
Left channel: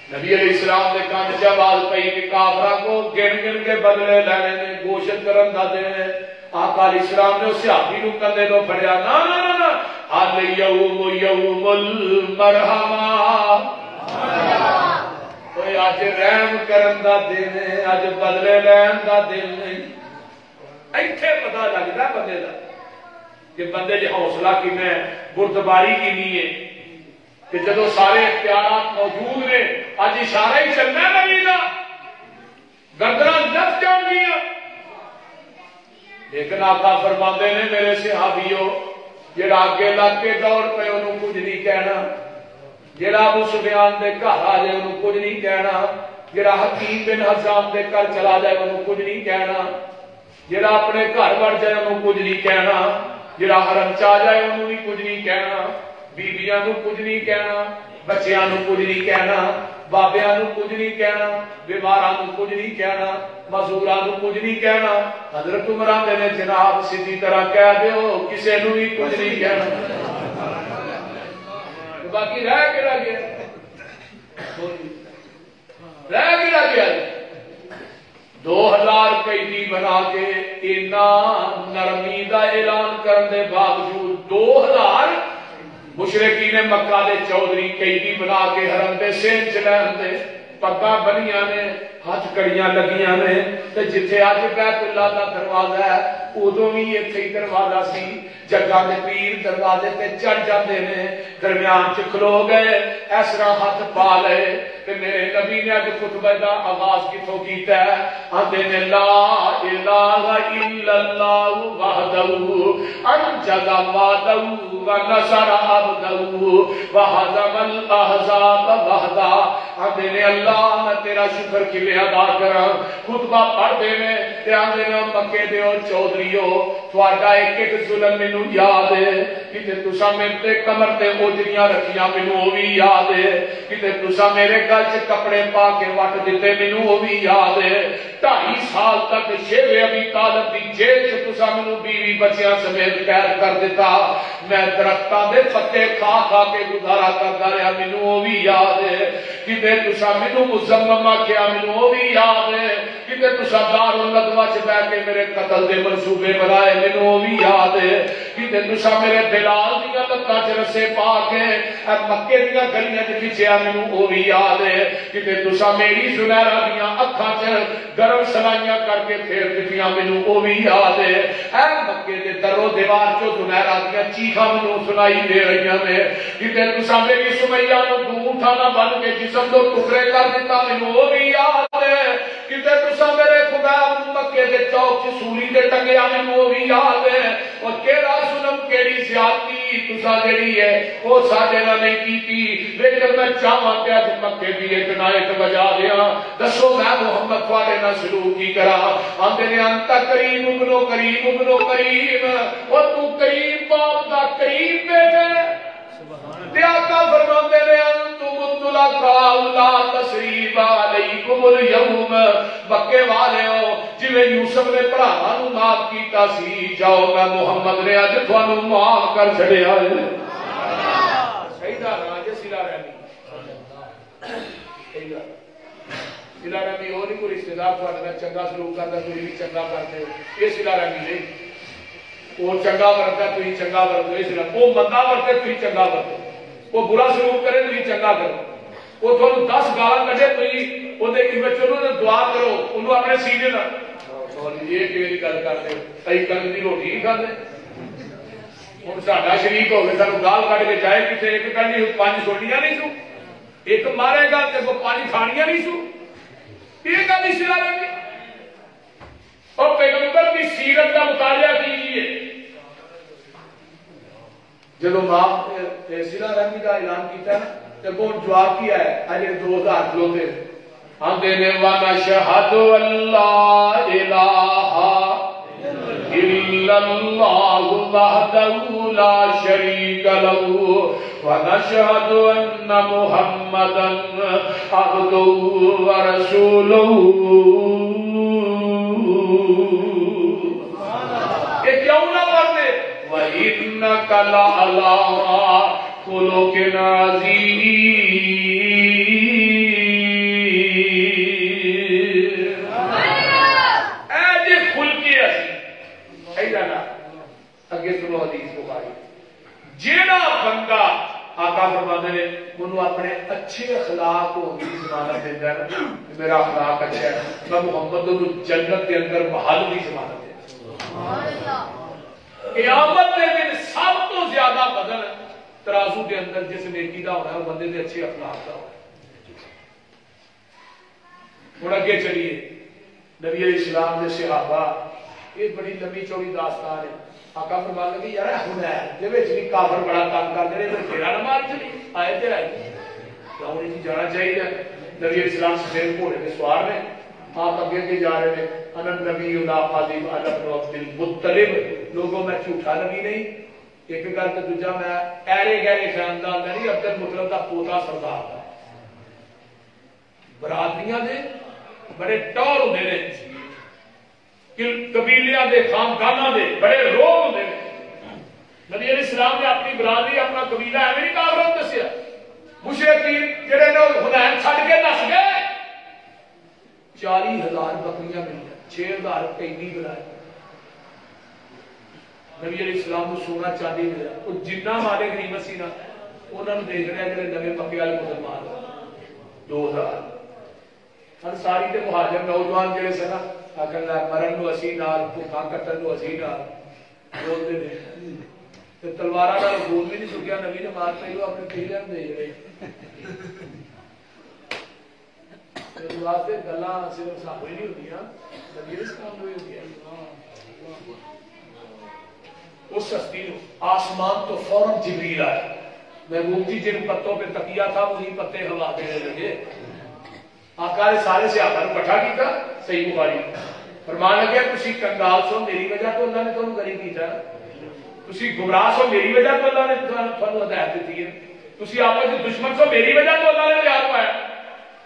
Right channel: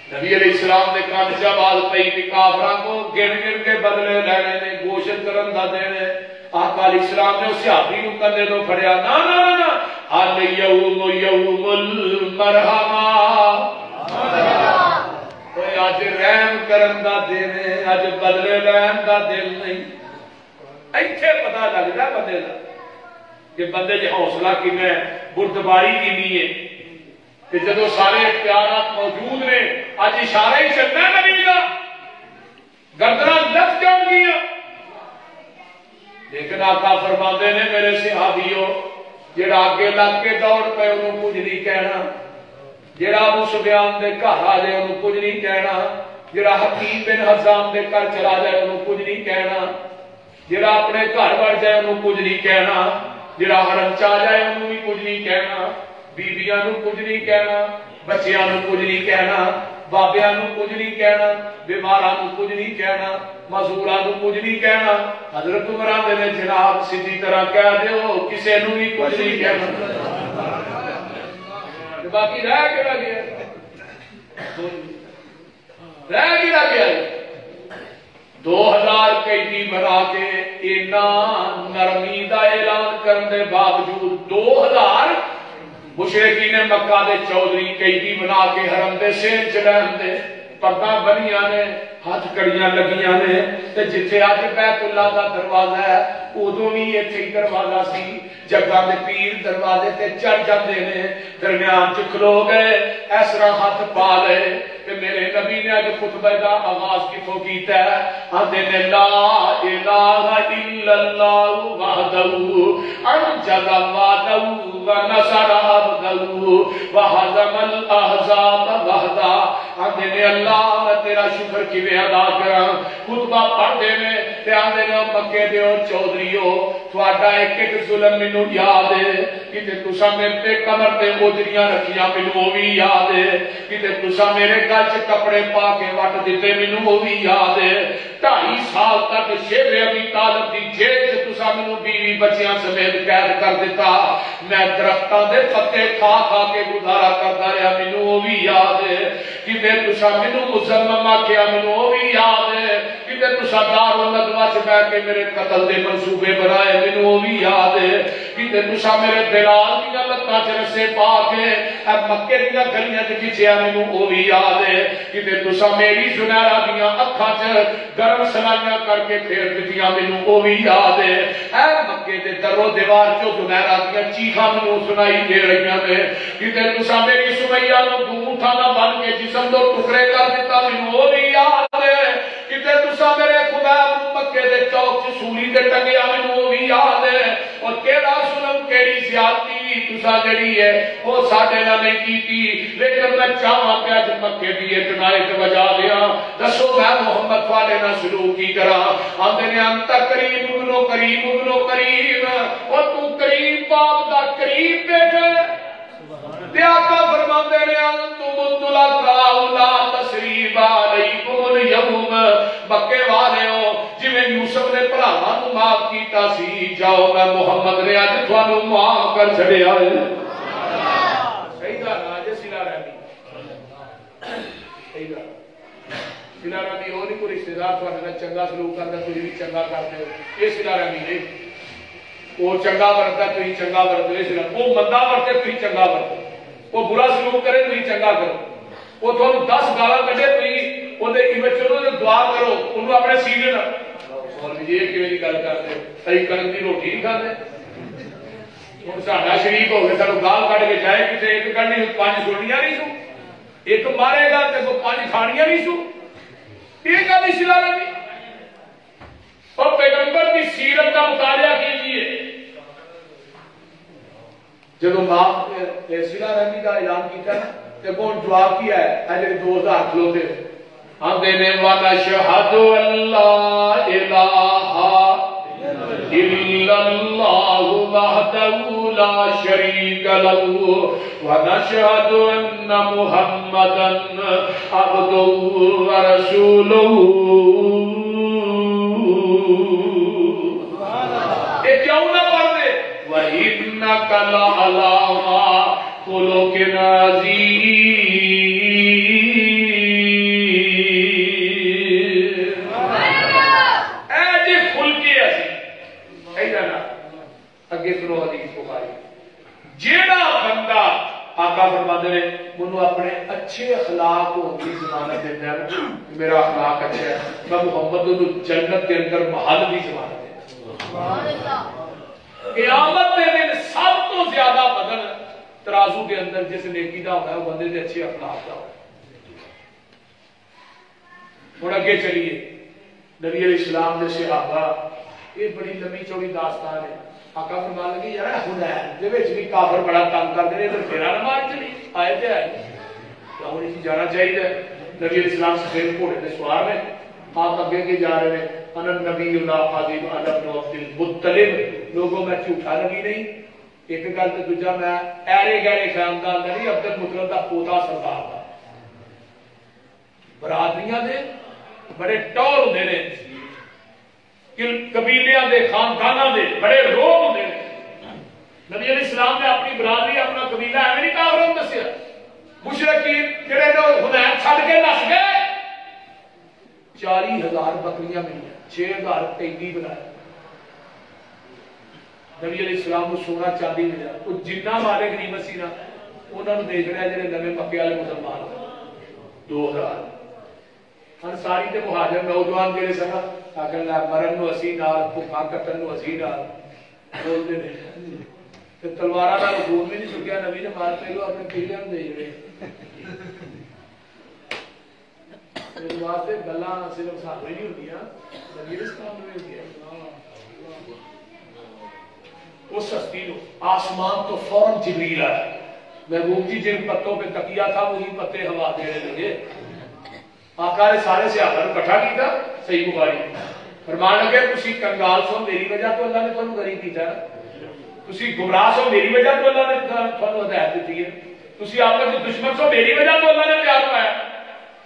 نبی علیہ السلام نے کان جب آل پئی کہ کافراں کو گن کے بدلے لینے نے کوشش کرن دا دن ہے آقا علیہ السلام نے اس صحابی نو کندھے تو پھڑیا نا نا نا نا الیوم یوم المرحمہ کوئی آج رحم کرن دا دن ہے آج بدلے لین دا دن نہیں ایتھے پتہ لگدا بندے دا کہ بندے دی حوصلہ کیویں بردباری کینی ہے کہ جدوں سارے اختیارات موجود نے اج اشارہ ہی چلنا نبی دا گردناں لگ جان گیاں لیکن آقا فرماندے نے میرے صحابیوں جڑا اگے لگ کے دوڑ پے انہوں کچھ نہیں کہنا جڑا ابو سفیان دے گھر آ جائے انہوں کچھ نہیں کہنا جڑا حکیم بن حزام دے گھر چلا جائے انہوں کچھ نہیں کہنا جڑا اپنے گھر بڑھ جائے انہوں کچھ نہیں کہنا جڑا حرم چا جائے انہوں بھی کچھ نہیں کہنا بیبیاں نو کچھ نہیں کہنا بچیاں نو کچھ نہیں کہنا بابیاں نو کچھ نہیں کہنا بیماراں نو کچھ نہیں کہنا معذوراں نو کچھ نہیں کہنا حضرت عمر نے جناب سیدھی طرح کہہ دیو کسے نو بھی کچھ نہیں کہنا باقی رہ کیڑا گیا رہ کیڑا گیا 2000 قیدی بنا کے اینا نرمی دا اعلان کرن دے باوجود 2000 مشرقین مکہ دے چودھری قیدی بنا کے حرم دے سین چلن دے پگاں بنیاں نے ہاتھ کڑیاں لگیاں نے تے جتھے اج بیت اللہ دا دروازہ ہے ادوں بھی ایتھے ہی دروازہ سی جگہ دے پیر دروازے تے چڑھ جاندے نے درمیان چ کھلو گئے اس طرح ہاتھ پا لے کہ میرے نبی نے اج خطبہ دا آغاز کتھوں کیتا ہے آندے نے لا الہ الا اللہ وحدہ انجز وعدہ ونصر عبدہ وہزم الاحزاب وحدہ آندے نے اللہ میں تیرا شکر کیویں ادا کراں خطبہ پڑھ دے میں تے آندے نے مکے دے چودھریو تہاڈا ایک ایک ظلم مینوں یاد ہے کتے تساں میرے تے کمر تے اوجریاں رکھیاں مینوں او بھی یاد ہے کتے تساں میرے گل چ کپڑے پا کے وٹ دتے مینوں او بھی یاد ہے 2.5 سال تک شیب ابی طالب دی جیل چ تساں مینوں بیوی بچیاں سمیت قید کر دیتا میں درختاں دے پتے کھا کھا کے گزارا کردا رہیا مینوں او بھی یاد ہے کتے تساں مینوں مزمم آکھیا مینوں او بھی یاد ہے کتے تساں دارالندوا چ بیٹھ کے میرے قتل دے منصوبے بنائے مینوں او بھی یاد ہے کتے تساں میرے بلال دی لتاں چ رسے پا کے مکے دی گلیاں چ کھچیا مینوں او بھی یاد ہے کتے تساں میری سنہرا دیاں اکھاں چ گرم سلائیاں کر کے پھیر دتیاں مینوں او بھی یاد ہے اے مکے دے درو دیوار چوں زمیرہ دیاں چیخاں مینوں سنائی دے رہیاں نے کتے تساں میری سمیہ نو دھون تھانا بن کے جسم دو ٹکڑے کر دیتا مینوں او بھی یاد ہے کتے تساں میرے خدا مکے دے چوک چ سولی تے ٹنگیا مینوں او بھی یاد ہے اور کیڑا ظلم کیڑی زیادتی تساں جڑی ہے او ساڈے نال نہیں کیتی لیکن میں چاہواں کہ اج مکے دی ایک نائت بجا دیاں دسو میں محمد والے نال سلوک کی کراں آندے نے انت کریم ابنو کریم ابنو کریم او تو کریم باپ دا کریم بیٹے تے آقا فرماندے نے انتم الطلقاء لا تشریف علیکم اليوم مکے والیو جویں یوسف نے بھراواں نوں معاف کیتا سی جاؤ میں محمد نے اج تھانوں معاف کر چھڑیا ہے سیدہ راج سلا رحمی سیدہ سلا رحمی او نہیں کوئی رشتہ دار تھانوں نال چنگا سلوک کردا کوئی بھی چنگا کردے ہو اے سلا رحمی نہیں وہ چنگا ورتا تھی چنگا ورتو اس لیے وہ مندا ورتے تھی چنگا ورتو وہ برا سلوک کرے تھی چنگا کرو وہ تھانوں 10 گالاں کڈے تھی وہ دعا کرو انہوں اپنے سینے نہ یہ کیویں گل کرتے صحیح کرن دی روٹی نہیں کھاندے ہن ساڈا شریک ہو گیا سانوں گال کڈ کے جائے کسے ایک کڈنی 5 سوٹیاں نہیں سو ایک مارے گا تے 5 کھانیاں نہیں سو یہ گل اسلام نہیں اور پیغمبر کی سیرت کا مطالعہ کیجیے جب ماں سلا رحمی کا اعلان کیا نا تو وہ جواب کیا ہے اجے 2000 کلو دے آندے نے ونشہد اللہ الہ إلا الله وحده لا شريك له ونشهد أن محمدا عبده ورسوله. یہ کیوں نہ کر دے؟ وَإِنَّكَ لَعَلَىٰ خُلُقٍ عَظِيمٍ. اے جی خلقی عظیم ایدہ نا اگے سنو حدیث بخاری. جیڑا بندہ آقا فرماتے ہیں انہوں اپنے اچھے اخلاق کو بھی ضمانت دیتا ہے میرا اخلاق اچھا ہے میں محمد انہوں جنت کے اندر محل بھی ضمانت دیتا ہے. قیامت کے دن سب تو زیادہ بدن ترازو کے اندر جس نیکی دا ہونا ہے وہ بندے دے اچھے اخلاق دا ہونا ہے. اور اگے چلیے نبی علیہ السلام دے صحابہ یہ بڑی لمبی چوڑی داستان ہے. آقا فرمان لگے یار حنین دے وچ بھی کافر بڑا تنگ کرتے ہیں ادھر پھیرا نہ مار چلی آئے تے آئی کیا انہیں کی جانا چاہیے. نبی علیہ السلام سفید گھوڑے پہ سوار میں آپ اگے کے جا رہے ہیں انا نبی لا قادم علی ابن عبد المطلب. لوگوں میں جھوٹا نبی نہیں. ایک گل تے دوجا میں ایرے گہرے خاندان دا نہیں عبد المطلب دا پوتا سردار دا. برادریاں دے بڑے ٹور ہوندے نے قبیلیاں دے خانداناں دے بڑے روگ ہوندے نے. نبی علیہ السلام نے اپنی برادری اپنا قبیلہ ایویں نہیں کافروں دسیا. مشرکین جڑے لوگ حنین چھڈ کے نس گئے 40,000 بکریاں ملی 6,000 قیدی بلائے. نبی علیہ السلام کو سونا چاندی ملا. وہ جنہ والے غنیمت سی نا انہوں نے دیکھ رہے جڑے نویں پکے والے مسلمان 2,000 انصاری تے مہاجر نوجوان جڑے سن آخر مرن نو اسی نال بھوکاں کٹن نو اسی نال بولتے نے تلوارا نال خون بھی نہیں سکیا. نبی نے مار پہ اپنے پیلیاں دے جڑے اس واسطے گلاں صرف سانوں ہی نہیں ہوندیاں نبی علیہ السلام نوں بھی ہوندیاں. اس سستی نو آسمان تو فوراً جبریل آیا. محبوب جی جن پتوں پہ تکیا تھا وہی پتے ہوا دینے لگے. آقا نے سارے صحابہ کو اکٹھا کیتا. صحیح بخاری فرمان لگے تسی کنگال سو میری وجہ تو اللہ نے تمہیں غریب کیتا. تسی گمراہ سو میری وجہ تو اللہ نے تمہیں ہدایت دیتی ہے. تسی آپس میں دشمن سو میری وجہ تو اللہ نے پیار پایا.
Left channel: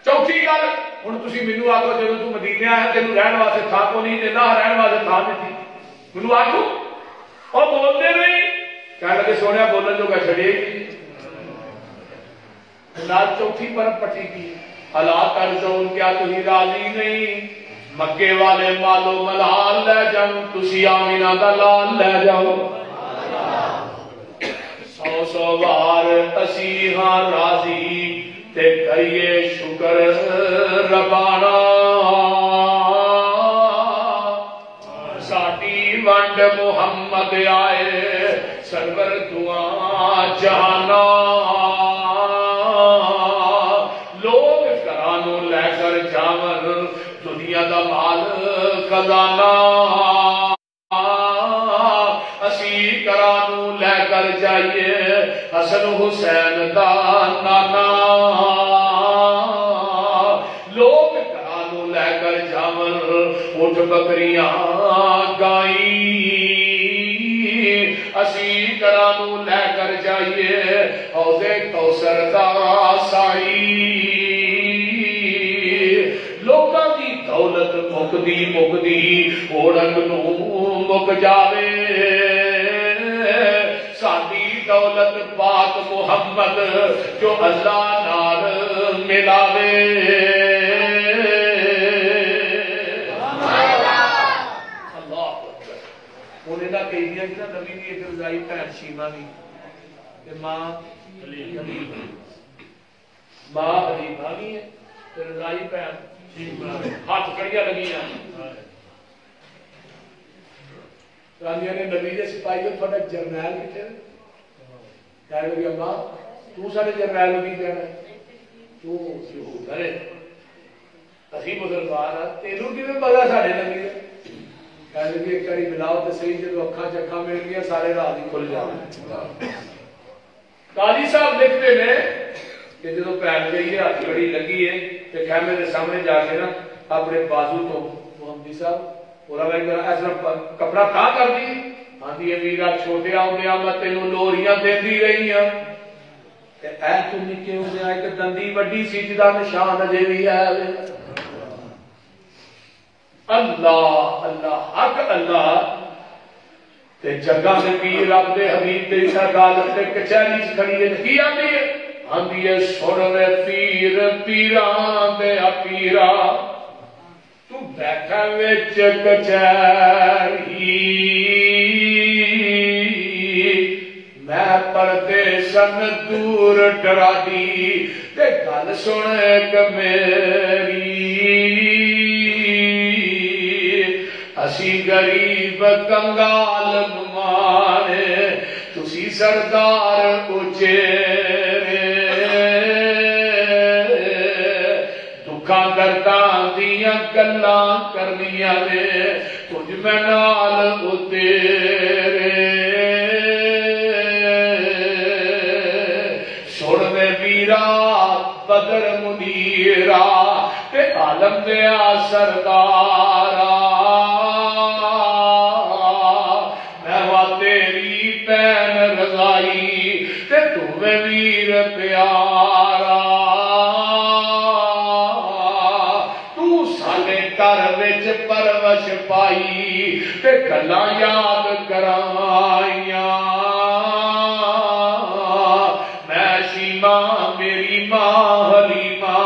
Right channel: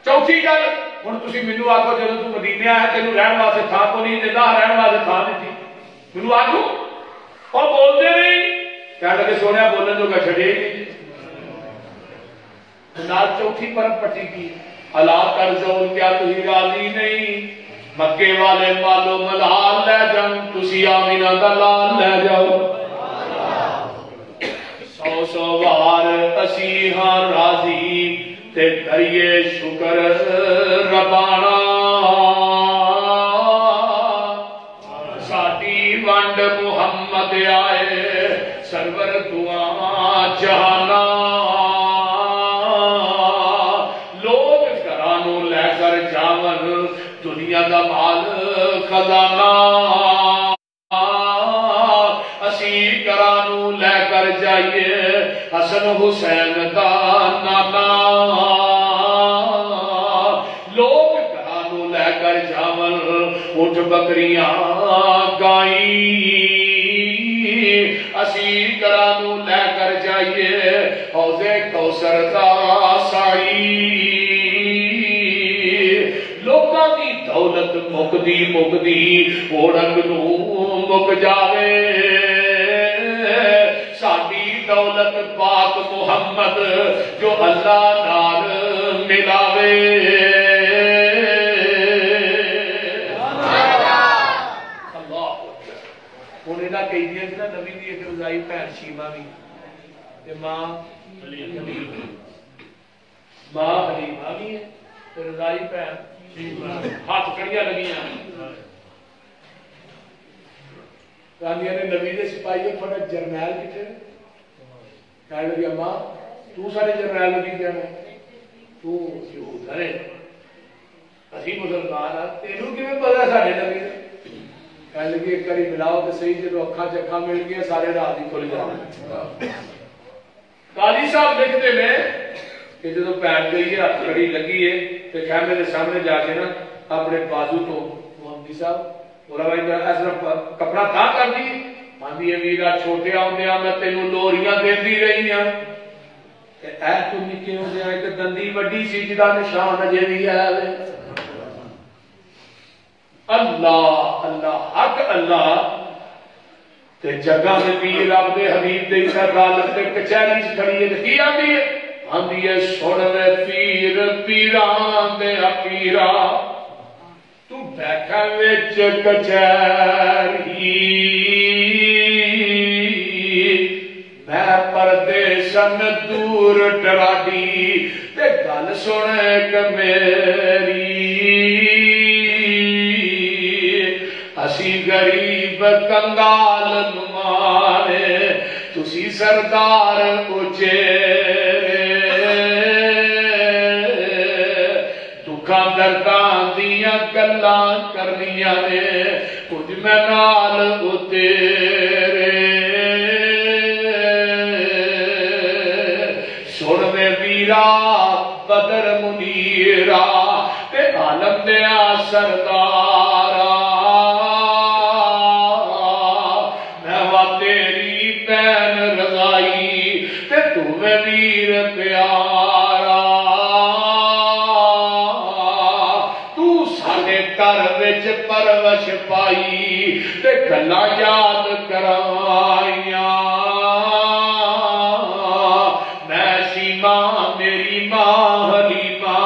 چوتھی گل ہن تسی مینوں آکھو جدوں تو مدینے آیا تینوں رہن واسطے تھا کو نہیں دیتا رہن واسطے تھا نہیں مینوں آکھو اور بولتے نہیں کہنے لگے سونے بولنے جو کہ چھڑے نال. چوتھی پرب پٹی کی اللہ کرزون کیا تھی راضی نہیں مکے والے مالو ملال لے جاؤ تسی آمینہ دا لال لے جاؤ 100 بار اسی ہاں راضی تے کریے شکر ربانا ساڈی ونڈ محمد آئے سرور دعا جہانا. لوگ گھرانوں لے کر جاون دنیا دا مال خزانہ اسی گھرانوں لے کر جائیے حسن حسین دا نانا. لوگ گھرانوں لے کر جاون اٹھ بکریاں گائی اسی گھرانوں لے کر جائیے حوض کوثر دا ساڑی. لوکاں دی دولت مکدی مکدی اوڑن نوں مک جاوے ساڈی دولت پاک محمد جو اللہ نال ملاوے. نبی بھی ایک رضائی بھن شیما بھی ماں حلیمہ بھی ہے رضائی بھن ہاتھ کڑیاں لگیاں نے نبی نے سپاہی تھوڑا جرنیل کتنے کہنے لگی ماں تو سارے جرنیل کی کہنا تو کرے اسی مسلمان ہاں تینوں کیوں پتا سارے نبی نے کہنے لگی ایک باری ملاؤ تو صحیح جب اکھاں چکھاں مل گیا سارے راز ہی کھل جانے. قاضی صاحب دیکھتے ہیں کہ جب پیر گئی ہے ہاتھ کڑی لگی ہے تو خیمے کے سامنے جا کے نا اپنے بازو تو محمدی صاحب پورا بھائی کپڑا تا کر دی آدھی میرا چھوٹیا ہوں میں تینوں لوریاں دیندی رہی ہوں اے تو نکے ہوں ایک دندی وڈی سی جدا نشان اجے بھی ہے اللہ اللہ حق اللہ تے جگہ دے پیر رب دے حبیب دے عدالت دے کچہری وچ کھڑی ہے کی آندی ہے سن لے پیر پیراں دے پیرا تو بیٹھا وچ کچہری میں پردیسن دور ٹراڈی تے گل سن کے میری اسی غریب کنگال نمانے تسی سردار اچیرے دکھاں درداں دیاں گلاں کرنیاں نے کچھ میں نال اتیرے سننے ویرا بدر منیرا تے عالم دیا سردارا ویر پیارا تو سانے کر وچ پرورش پائی تے گلاں یاد کرائیاں میں سی ماں میری ماں حلیمہ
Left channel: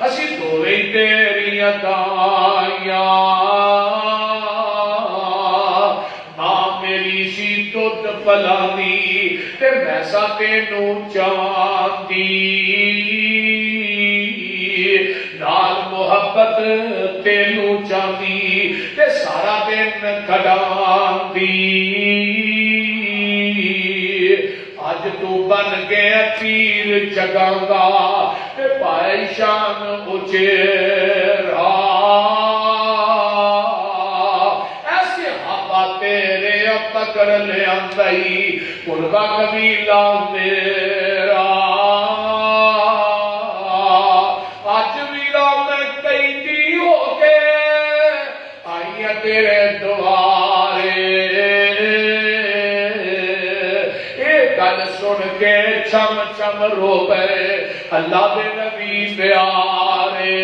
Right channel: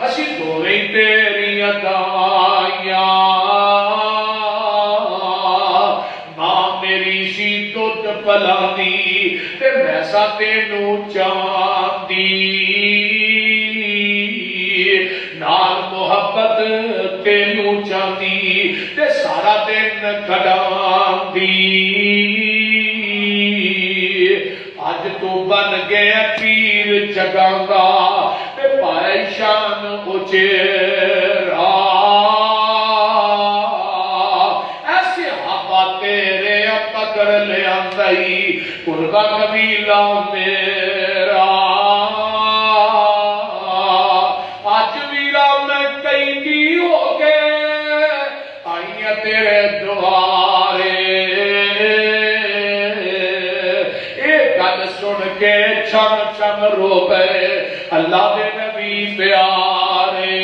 اسی دوویں تیریاں دائیاں ماں میری سی دودھ پلانی میسا تینوں چاندی نال محبت تینوں چاندی تے سارا دن کھڑاندی اج تو بن گئے پیر جگاندا تے پائے شان اچیرا ایسے ہوا تیرے پکڑ لے آندائی قربا قبیلہ میرا آج ویرا میں کئی دی ہو گئے آئیاں تیرے دوارے ایک گل سن کے چھم چھم رو گئے اللہ دے نبی پیارے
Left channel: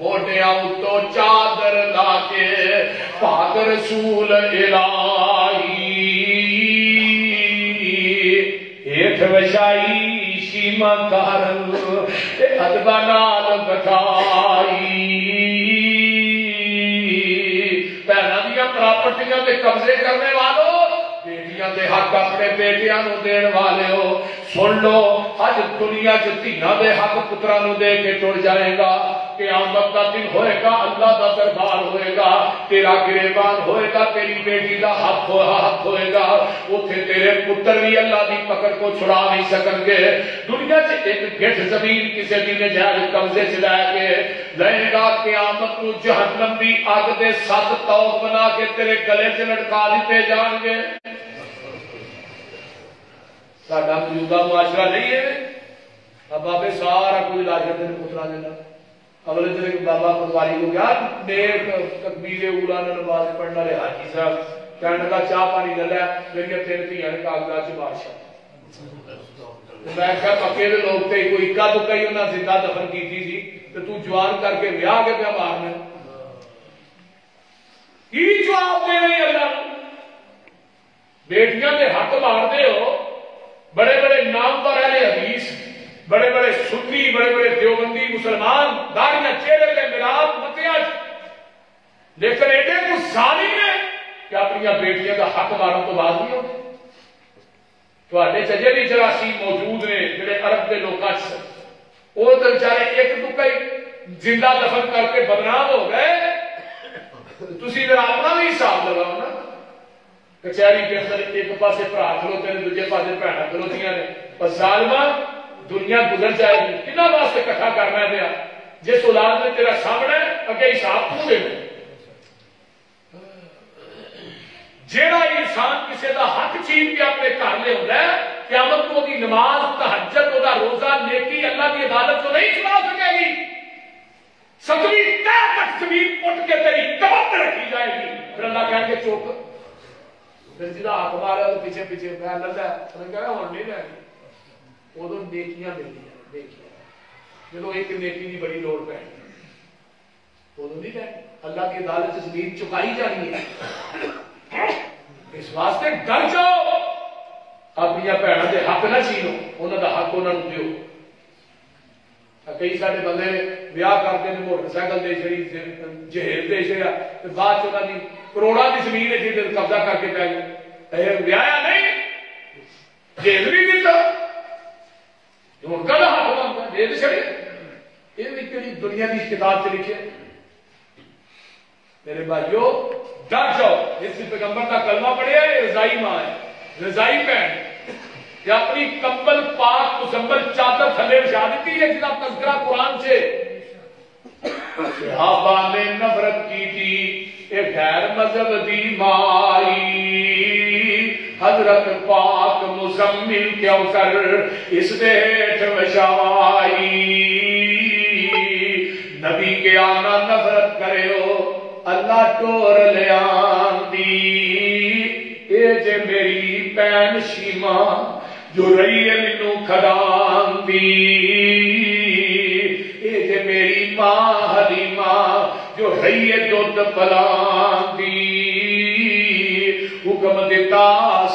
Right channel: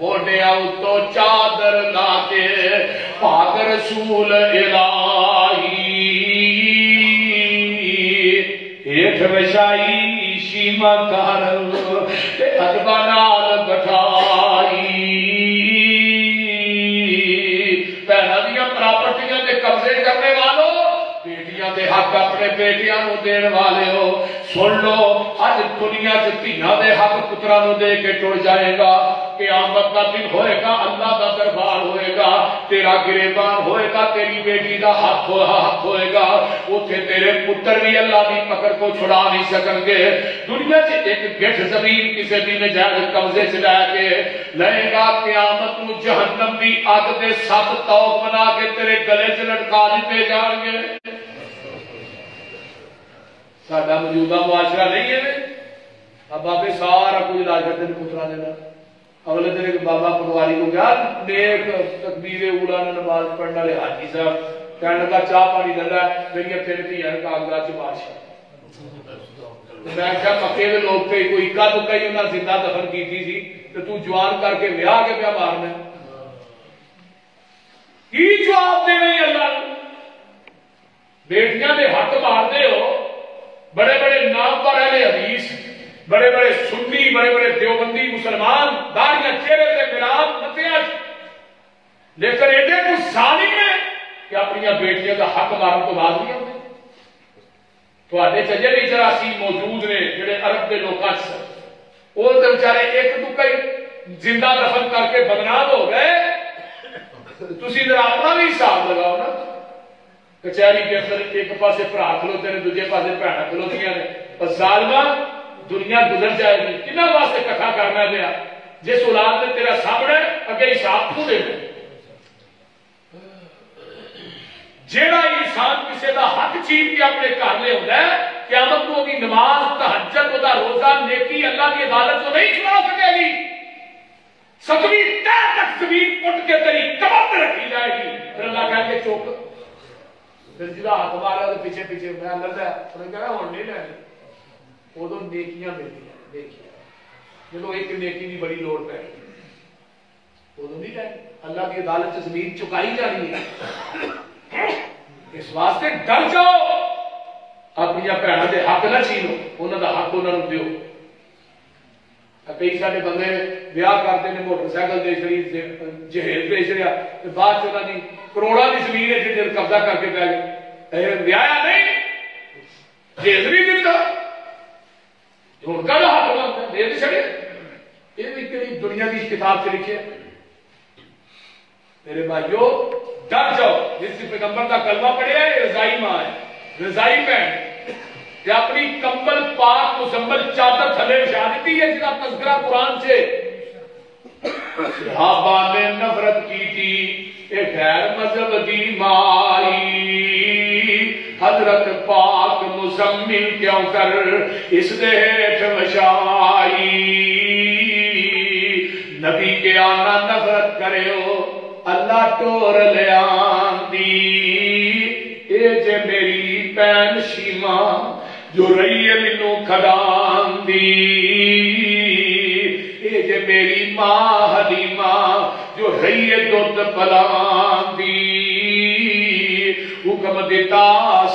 موڈے آؤ تو چادر لا کے پاک رسول الہی ایتھ وشائی شیما کارن ادبا نال بٹھائی پہنا دیا پراپرٹیاں دے قبضے کرنے والوں بیٹیاں دے حق اپنے بیٹیاں نو دین والے ہو سن لو اج دنیا چ دھیاں دے حق پتراں نو دے کے ٹر جائے گا قیامت کا دن ہوئے گا اللہ کا دربار ہوئے گا تیرا گریبان ہوئے گا تیری بیٹی کا ہاتھ ہوئے گا اتنے تیرے پتر بھی اللہ کی پکڑ کو چھڑا نہیں سکن گے دنیا سے ایک گٹھ زمین کسی بھی نجائز قبضے سے لے کے لے گا قیامت کو جہنم بھی اگ دے 7 توق بنا کے تیرے گلے سے لٹکا دیتے جان گے ساڈا موجودہ معاشرہ نہیں ہے اب بابے سارا کچھ لا کر تین پترا دینا اگلے دن ایک بابا پٹواری کو کیا نیک تکبیر اولا نماز پڑھنے والے حاجی صاحب کہنے کا چاہ پانی دینا میری تین دھیان کاغذات چ بادشاہ میں کیا پکے لوگ تھے کوئی اکا دکا ہی انہیں زندہ دفن کی تھی تو تو جوان کر کے ویاہ کے پیا مارنا کی جواب دینے اللہ بیٹیاں دے حق مارتے ہو بڑے بڑے نام پر اہل حدیث بڑے بڑے سنی بڑے بڑے دیوبندی مسلمان داڑیاں چہرے پہ گلاب متیاں لیکن ایڈے کچھ ظالم نے کہ اپنی بیٹیاں کا حق مارن تو بعد نہیں ہوتے تھوڑے چجری جراثیم موجود نے جڑے عرب کے لوگ وہ تو بیچارے ایک دکا ہی زندہ دفن کر کے بدنام ہو گئے تسی ذرا اپنا بھی حساب لگاؤ نا کچہری کے اندر ایک پاسے بھرا کھلوتے ہیں دوسرے پاسے بھੈਣਾਂ کھلوتیاں نے پر ظالما دنیا گزر جائے گی کنا واسطے کٹھا کرنا پیا جس اولاد نے تیرا سامنے اگے حساب تو دینا جیڑا انسان کسی دا حق چھین کے اپنے گھر لے آتا ہے قیامت کو دی نماز تہجد دا روزہ نیکی اللہ کی عدالت کو نہیں چھڑا سکے گی 7ویں تہ تک زمین پٹ کے تیری کمر پہ رکھی جائے گی. پھر اللہ کہیں گے چوک. پھر جدا حق مارا تو پیچھے پیچھے میں لگا انہیں کہنا ہوں نہیں لینی. ادو نیکیاں ملدیاں نیکیاں. جب ایک نیکی کی بڑی لوڑ پہ ادو نہیں لینی. اللہ کی عدالت سے زمین چکائی جانی ہے. اس واسطے ڈر جاؤ. اپنی بھنوں کے حق نہ چھینو. انہوں کا حق انہوں دیو. کئی سارے بندے بیاہ کرتے ہیں موٹر سائیکل دے چڑی جہیز دے چڑیا بعد چاہتا نہیں کروڑا کی زمین ہے جی قبضہ کر کے پی گیا. بیایا نہیں جہیز نہیں دیتا ہوں کا حق بنتا دے چڑے. یہ بھی دنیا کی کتاب سے لکھے. میرے بھائیو ڈر جاؤ. جس پیغمبر کا کلمہ پڑھیا ہے رضائی ماں ہے رضائی بہن کہ اپنی کمبل پاک مزمل چادر تھلے بچھا دیتی ہے جنہ تذکرہ قرآن سے. صحابہ نے نفرت کی تھی کہ غیر مذہب دی مائی حضرت پاک مزمل کیوں کر اس دیٹھ وشائی. نبی کے آنا نفرت کرے ہو اللہ ٹور لے آندی. اے جے میری بین شیما جو رہی ہے مینوں کھدان دی. اے جے میری ماں حلیمہ جو رہی ہے دودھ پلان دی. حکم دیتا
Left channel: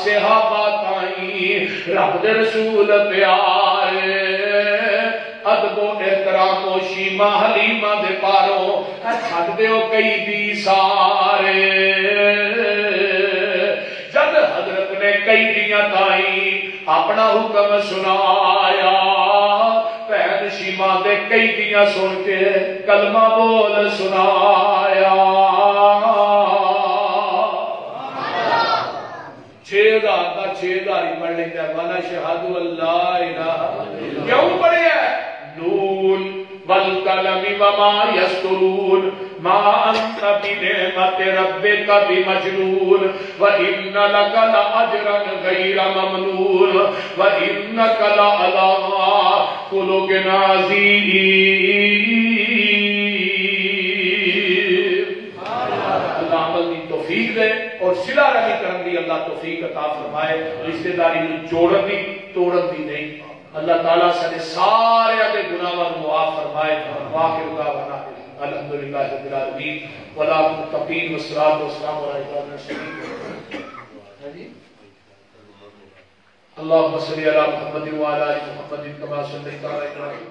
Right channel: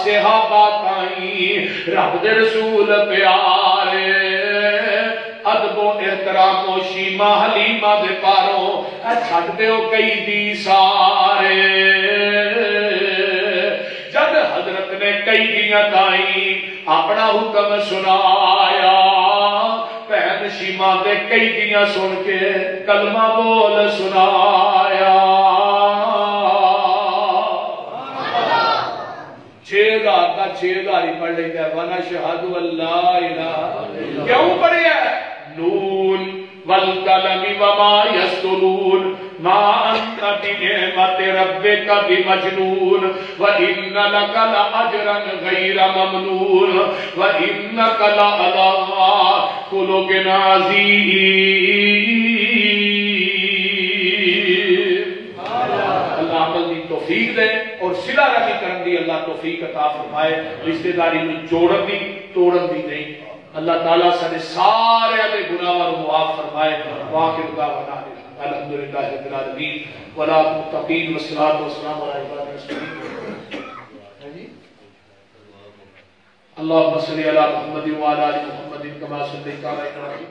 صحابہ تائیں رب دے رسول پیارے ادب و احترام و شیما حلیمہ دے پاروں چھڈ دیو کئی بھی سارے. جب حضرت نے کئی دیاں تائیں اپنا حکم سنایا بہن شیما دے کئی دیاں سن کے کلمہ بول سنایا. 6000 کا 6000 ہی پڑھ لیتا ہے. وانا شہادو اللہ الہ کیوں پڑھے ہے نون والقلم وما یسطرون ما انت بنعمت ربک بمجنون وان لک لاجرا غیر ممنون وانک لعلی خلق عظیم. اللہ عمل دی توفیق دے اور صلہ رحمی کرن دی اللہ توفیق عطا فرمائے. رشتہ داری نوں جوڑن دی توڑن دی نہیں. اللہ تعالیٰ سارے سارے دے گناہاں نوں معاف فرمائے. واخر دعوانا الحمدللہ رب العالمین ولا متقین والصلاۃ والسلام علی عباد الصالحین. اللهم صل علی محمد وعلى ال محمد كما صليت على ابراہیم